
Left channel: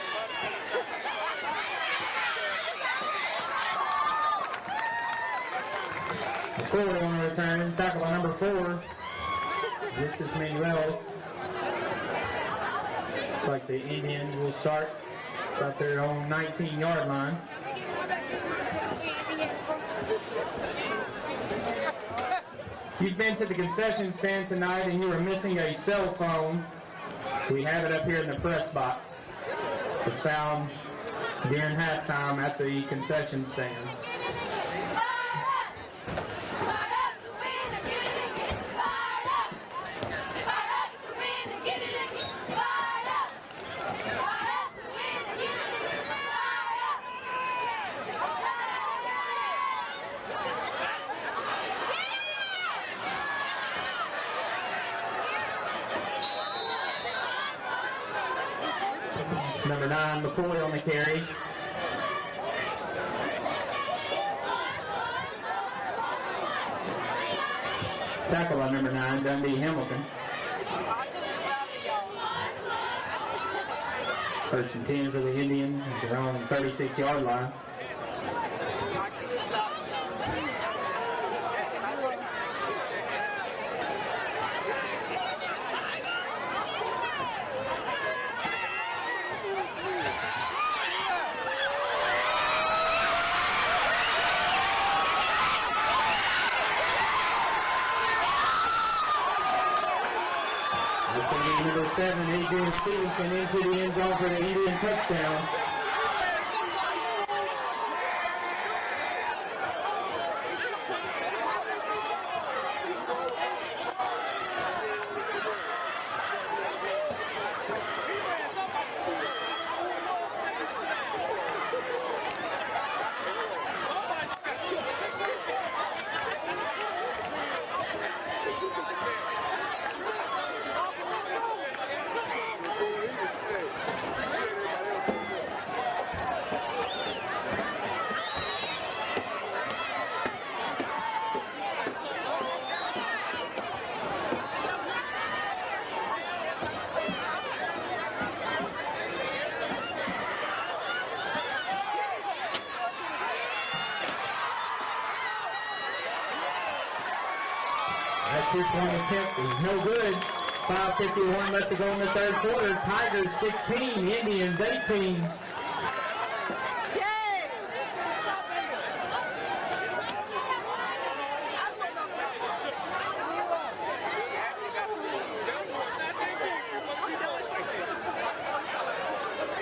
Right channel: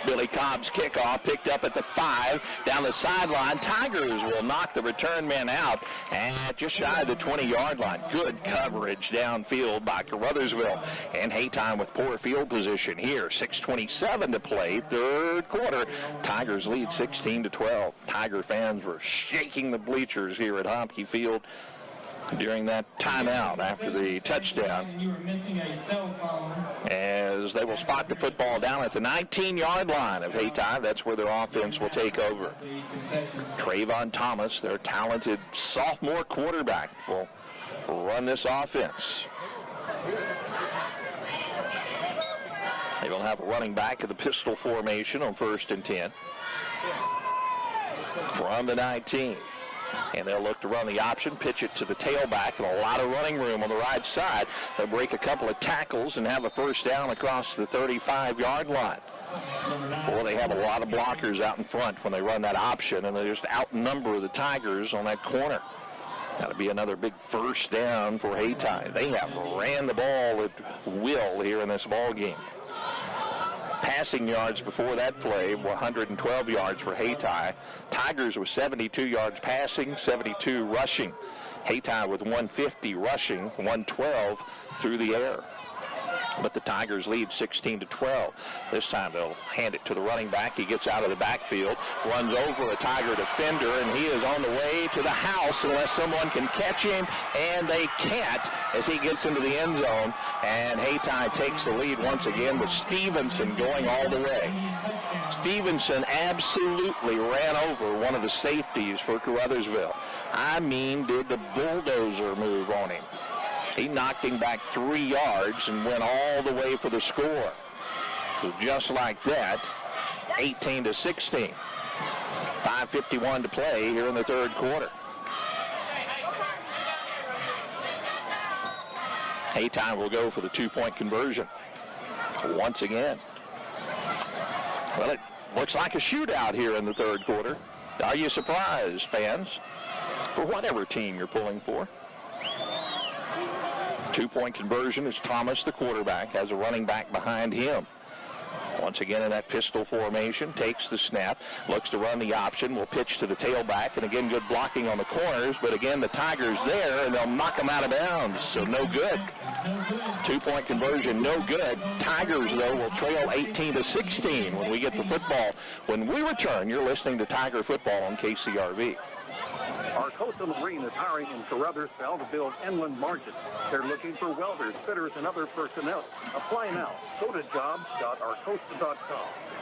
Billy Cobb's kickoff picked up at the 5 down the sideline. Tigers will knock the return man out and just shy of the 20-yard line. Good coverage downfield by Caruthersville, and Hayti with poor field position here. 6:27 to play, third quarter. Tigers lead 16-12. Tiger fans are shaking the bleachers here at Hayti Field during that timeout after the touchdown. And you were missing a cell phone. As they will spot the football down at the 19-yard line of Hayti. That's where their offense will take over. Trayvon Thomas, their talented sophomore quarterback, will run this offense. They will have a running back in the pistol formation on 1st and 10. From the 19. And they'll look to run the option, pitch it to the tailback, and a lot of running room on the right side. They'll break a couple of tackles and have a first down across the 35-yard line. Well, they have a lot of blockers out in front when they run that option, and they just outnumber the Tigers on that corner. That'll be another big first down for Hayti. They have ran the ball with will here in this ball game. Passing yards before that play were 112 yards for Hayti. Tigers were 72 yards passing, 72 rushing. Hayti with 150 rushing, 112 through the air. But the Tigers lead 16-12. This time they'll hand it to the running back. He gets out of the backfield, runs over a Tiger defender, and he is on the way to the house unless someone can catch him, and they can't as he gets into the end zone. And Hayti takes the lead once again with Stevenson going all the way. Stevenson absolutely ran over one of the safeties for Caruthersville. I mean, did the bulldozer move on him. He knocked him back 3 yards and went all the way for the score. So just like that, 18-16. 5:51 to play here in the third quarter. Hayti will go for the 2-point conversion once again. Well, it looks like a shootout here in the third quarter. Are you surprised, fans? For whatever team you're pulling for. 2-point conversion is Thomas, the quarterback, has a running back behind him. Once again in that pistol formation, takes the snap, looks to run the option, will pitch to the tailback, and again good blocking on the corners, but again the Tigers there, and they'll knock them out of bounds, so no good. 2-point conversion, no good. Tigers there will trail 18-16 when we get the football. When we return, you're listening to Tiger Football on KCRV. Our host of the green is hiring in Caruthersville to build inland markets. They're looking for welders, fitters, and other personnel. Apply now. Go to jobs.ourcoast.com.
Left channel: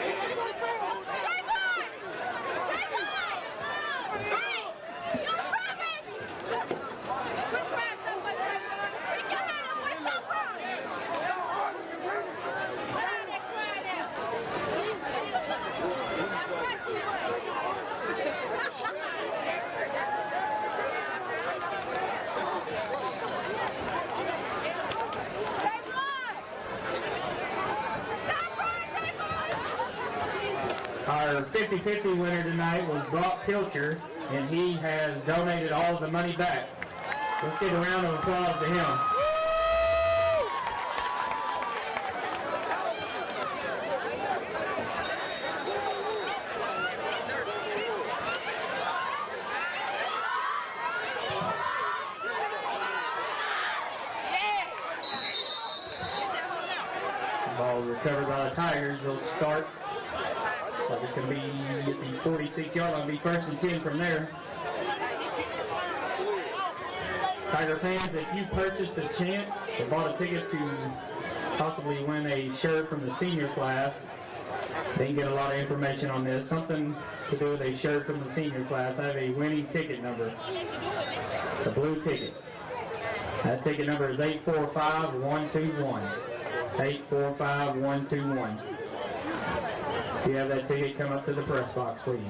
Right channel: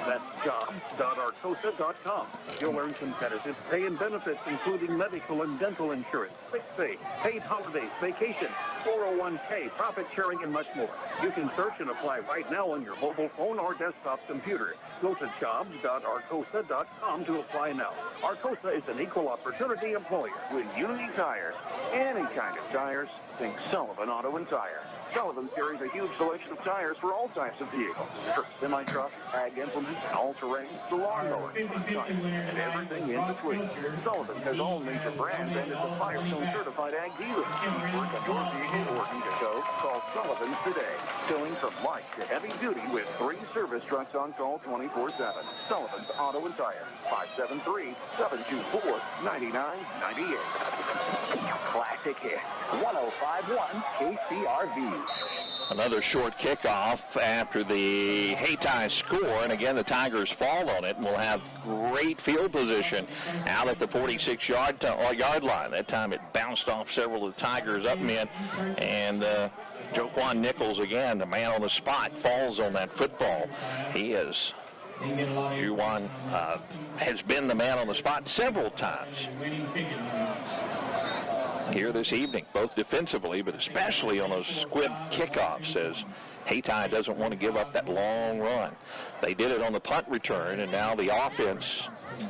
That's jobs.ourcoast.com. You'll earn competitive pay and benefits, including medical and dental insurance, sick pay, paid holidays, vacation, 401k, profit sharing, and much more. You can search and apply right now on your mobile phone or desktop computer. Go to jobs.ourcoast.com to apply now. Arcosa is an equal opportunity employer with unique tires. And in fact, tires, things don't an auto and tire. Sullivan carries a huge selection of tires for all types of vehicles. Semi-truck, ag implements, and all terrain. Our 50-50 winner tonight was Brock Pilcher, and he has donated all the money back. Let's give a round of applause to him. Call Sullivan today. Soon from March to FQ with free service starts on call 24/7. Sullivan Auto and Tire, 573-724-9998. Classic hit. 105-1 KCRV. Another short kickoff after the Hayti score, and again the Tigers fall on it. We'll have great field position out at the 46-yard line. That time it bounced off several of the Tigers up men, and Jaquan Nichols again, the man on the spot, falls on that football. He is has been the man on the spot several times. here this evening, both defensively, but especially on those quick kickoffs, as Hayti doesn't want to give up that long run. They did it on the punt return, and now the offense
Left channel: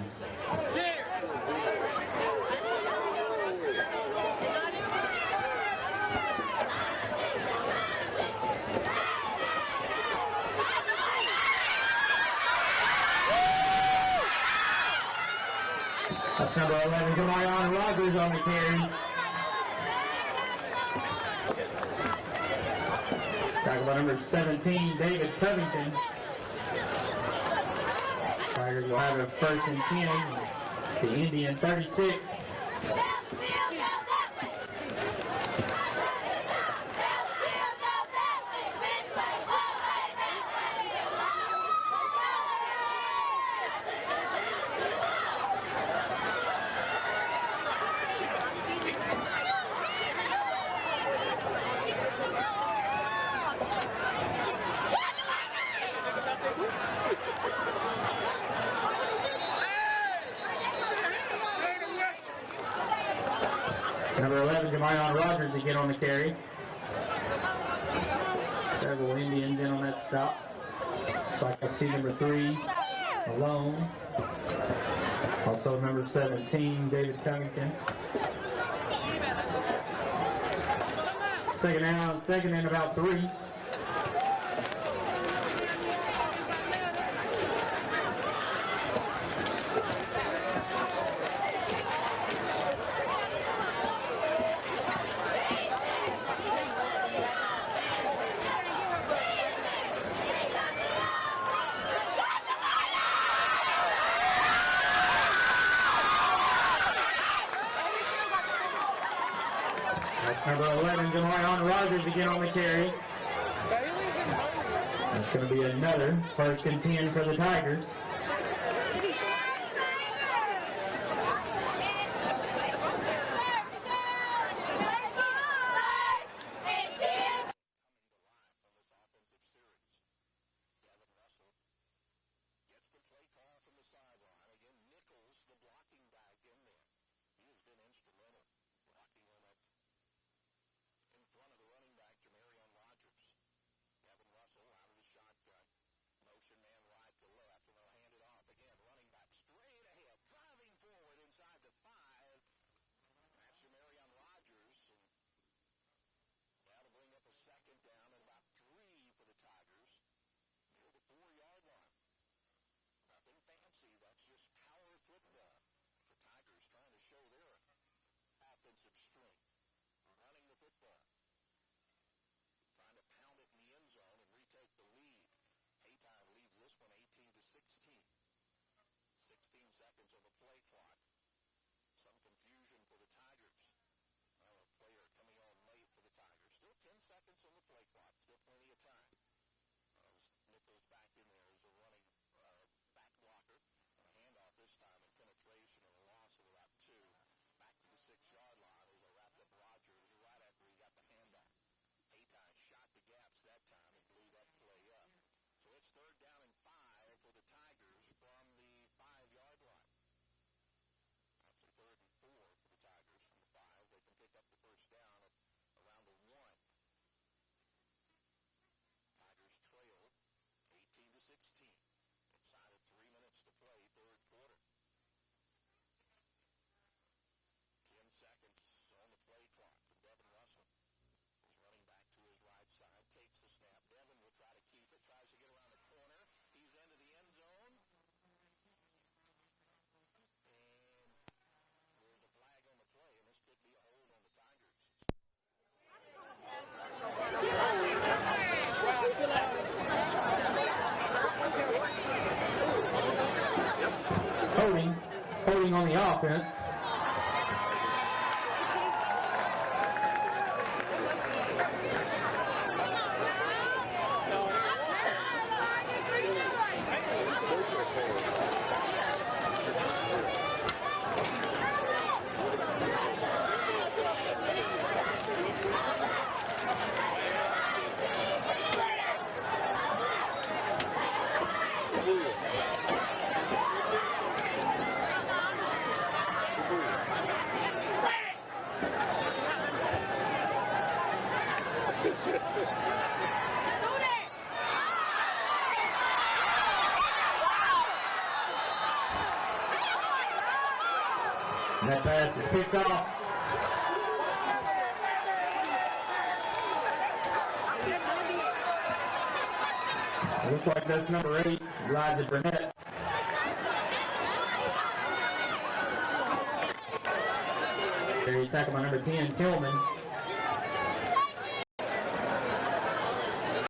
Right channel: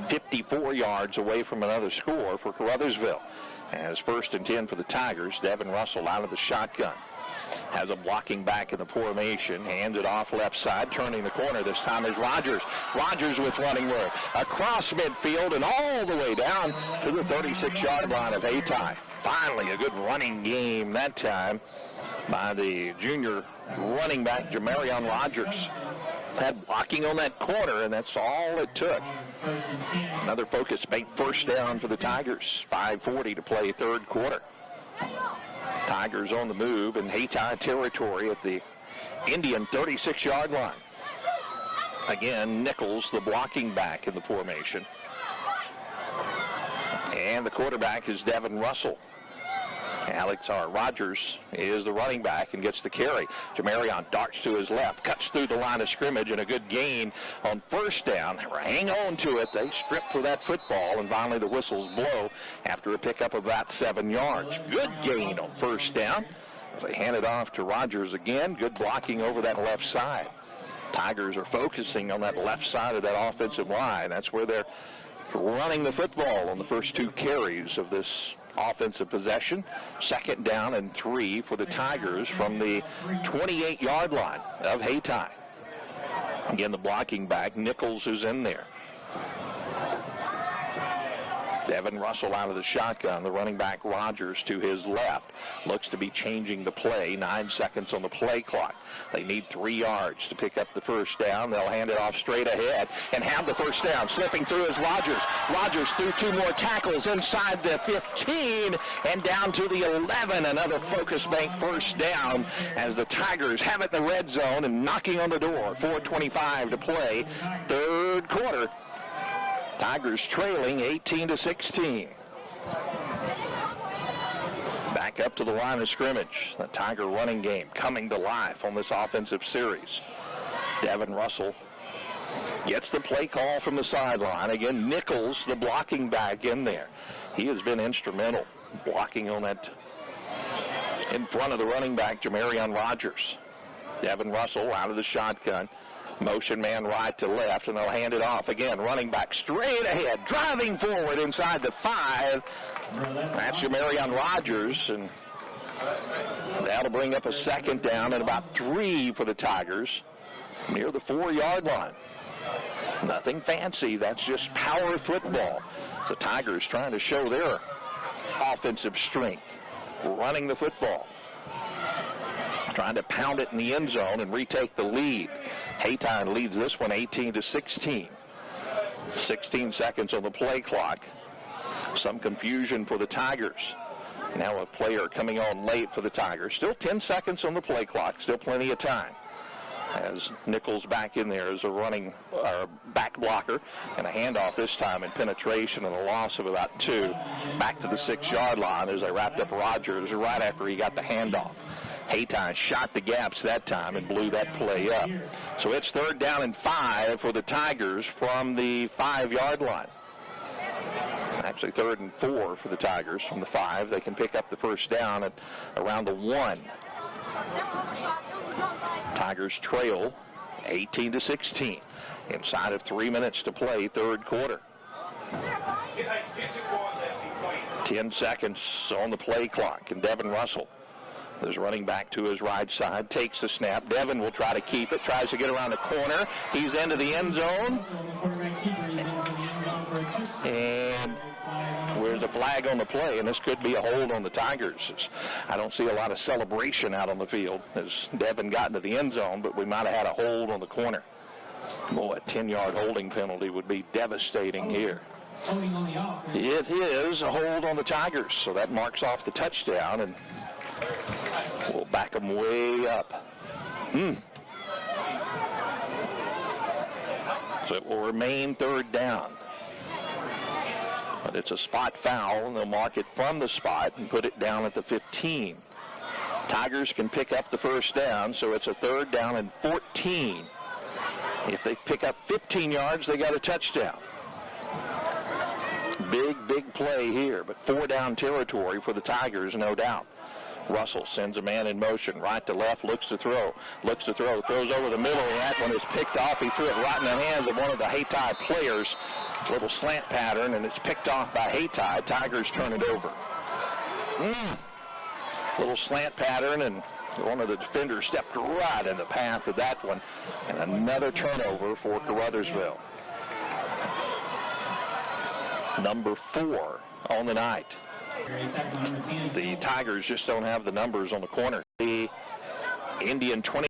54 yards away from another score for Caruthersville. As 1st and 10 for the Tigers, Devin Russell out of the shotgun. Has a blocking back in the formation, hands it off left side, turning the corner. This time is Rogers. Rogers with running work. Across midfield and all the way down to the 36-yard line of Hayti. Finally, a good running game that time by the junior running back, Jamarion Rogers. Had blocking on that corner, and that's all it took. Another focus-based first down for the Tigers. 5:40 to play third quarter. Tigers on the move in Hayti territory at the Indian 36-yard line. Again, Nichols, the blocking back in the formation. And the quarterback is Devin Russell. Rogers is the running back and gets the carry. Jamarion darts to his left, cuts through the line of scrimmage, and a good gain on first down. Hang on to it. They strip for that football, and finally the whistles blow after a pickup of about 7 yards. Good gain on first down. They hand it off to Rogers again. Good blocking over that left side. Tigers are focusing on that left side of that offensive line. That's where they're running the football on the first 2 carries of this offensive possession. 2nd down and 3 for the Tigers from the 28-yard line of Hayti. Again, the blocking back, Nichols is in there. Devin Russell out of the shotgun, the running back Rogers to his left. Looks to be changing the play. 9 seconds on the play clock. They need 3 yards to pick up the first down. They'll hand it off straight ahead and have the first down. Slipping through is Rogers. Rogers through 2 more tackles inside the 15 and down to the 11. Another focus-bank first down as the Tigers have it in the red zone and knocking on the door. 4:25 to play. Third quarter. Tigers trailing 18-16. Up to the line of scrimmage. The Tiger running game coming to life on this offensive series. Devin Russell gets the play call from the sideline. Again, Nichols, the blocking back in there. He has been instrumental blocking on that in front of the running back, Jamarion Rogers. Devin Russell out of the shotgun. Motion man right to left, and they'll hand it off again. Running back straight ahead, driving forward inside the 5. That's Jamarion Rogers, and that'll bring up a 2nd down and about 3 for the Tigers near the 4-yard line. Nothing fancy. That's just power football. The Tigers trying to show their offensive strength, running the football, trying to pound it in the end zone and retake the lead. Hayti leads this one 18-16. 16 seconds on the play clock. Some confusion for the Tigers. Now a player coming on late for the Tigers. Still 10 seconds on the play clock. Still plenty of time. As Nichols back in there as a running back blocker, and a handoff this time in penetration and a loss of about 2. Back to the 6-yard line as they wrapped up Rogers right after he got the handoff. Hayti shot the gaps that time and blew that play up. So it's 3rd down and 5 for the Tigers from the 5-yard line. Actually 3rd and 4 for the Tigers from the 5. They can pick up the first down at around the 1. Tigers trail 18-16. Inside of 3 minutes to play, third quarter. 10 seconds on the play clock, and Devin Russell is running back to his right side, takes the snap. Devin will try to keep it, tries to get around the corner. He's into the end zone. And where's the flag on the play? And this could be a hold on the Tigers. I don't see a lot of celebration out on the field as Devin got into the end zone, but we might have had a hold on the corner. Boy, a 10-yard holding penalty would be devastating here. Holding on the offense. It is a hold on the Tigers, so that marks off the touchdown, and we'll back them way up. So it will remain 3rd down. And it's a spot foul. They'll mark it from the spot and put it down at the 15. Tigers can pick up the first down, so it's a 3rd down and 14. If they pick up 15 yards, they got a touchdown. Big play here. 4-down territory for the Tigers, no doubt. Russell sends a man in motion, right to left, looks to throw, throws over the middle, and that one is picked off. He threw it right in the hands of one of the Hayti players. Little slant pattern, and it's picked off by Hayti. Tigers turn it over. Little slant pattern, and one of the defenders stepped right in the path of that one. Another turnover for Caruthersville. Number 4 on the night. The Tigers just don't have the numbers on the corner. The Indian 20.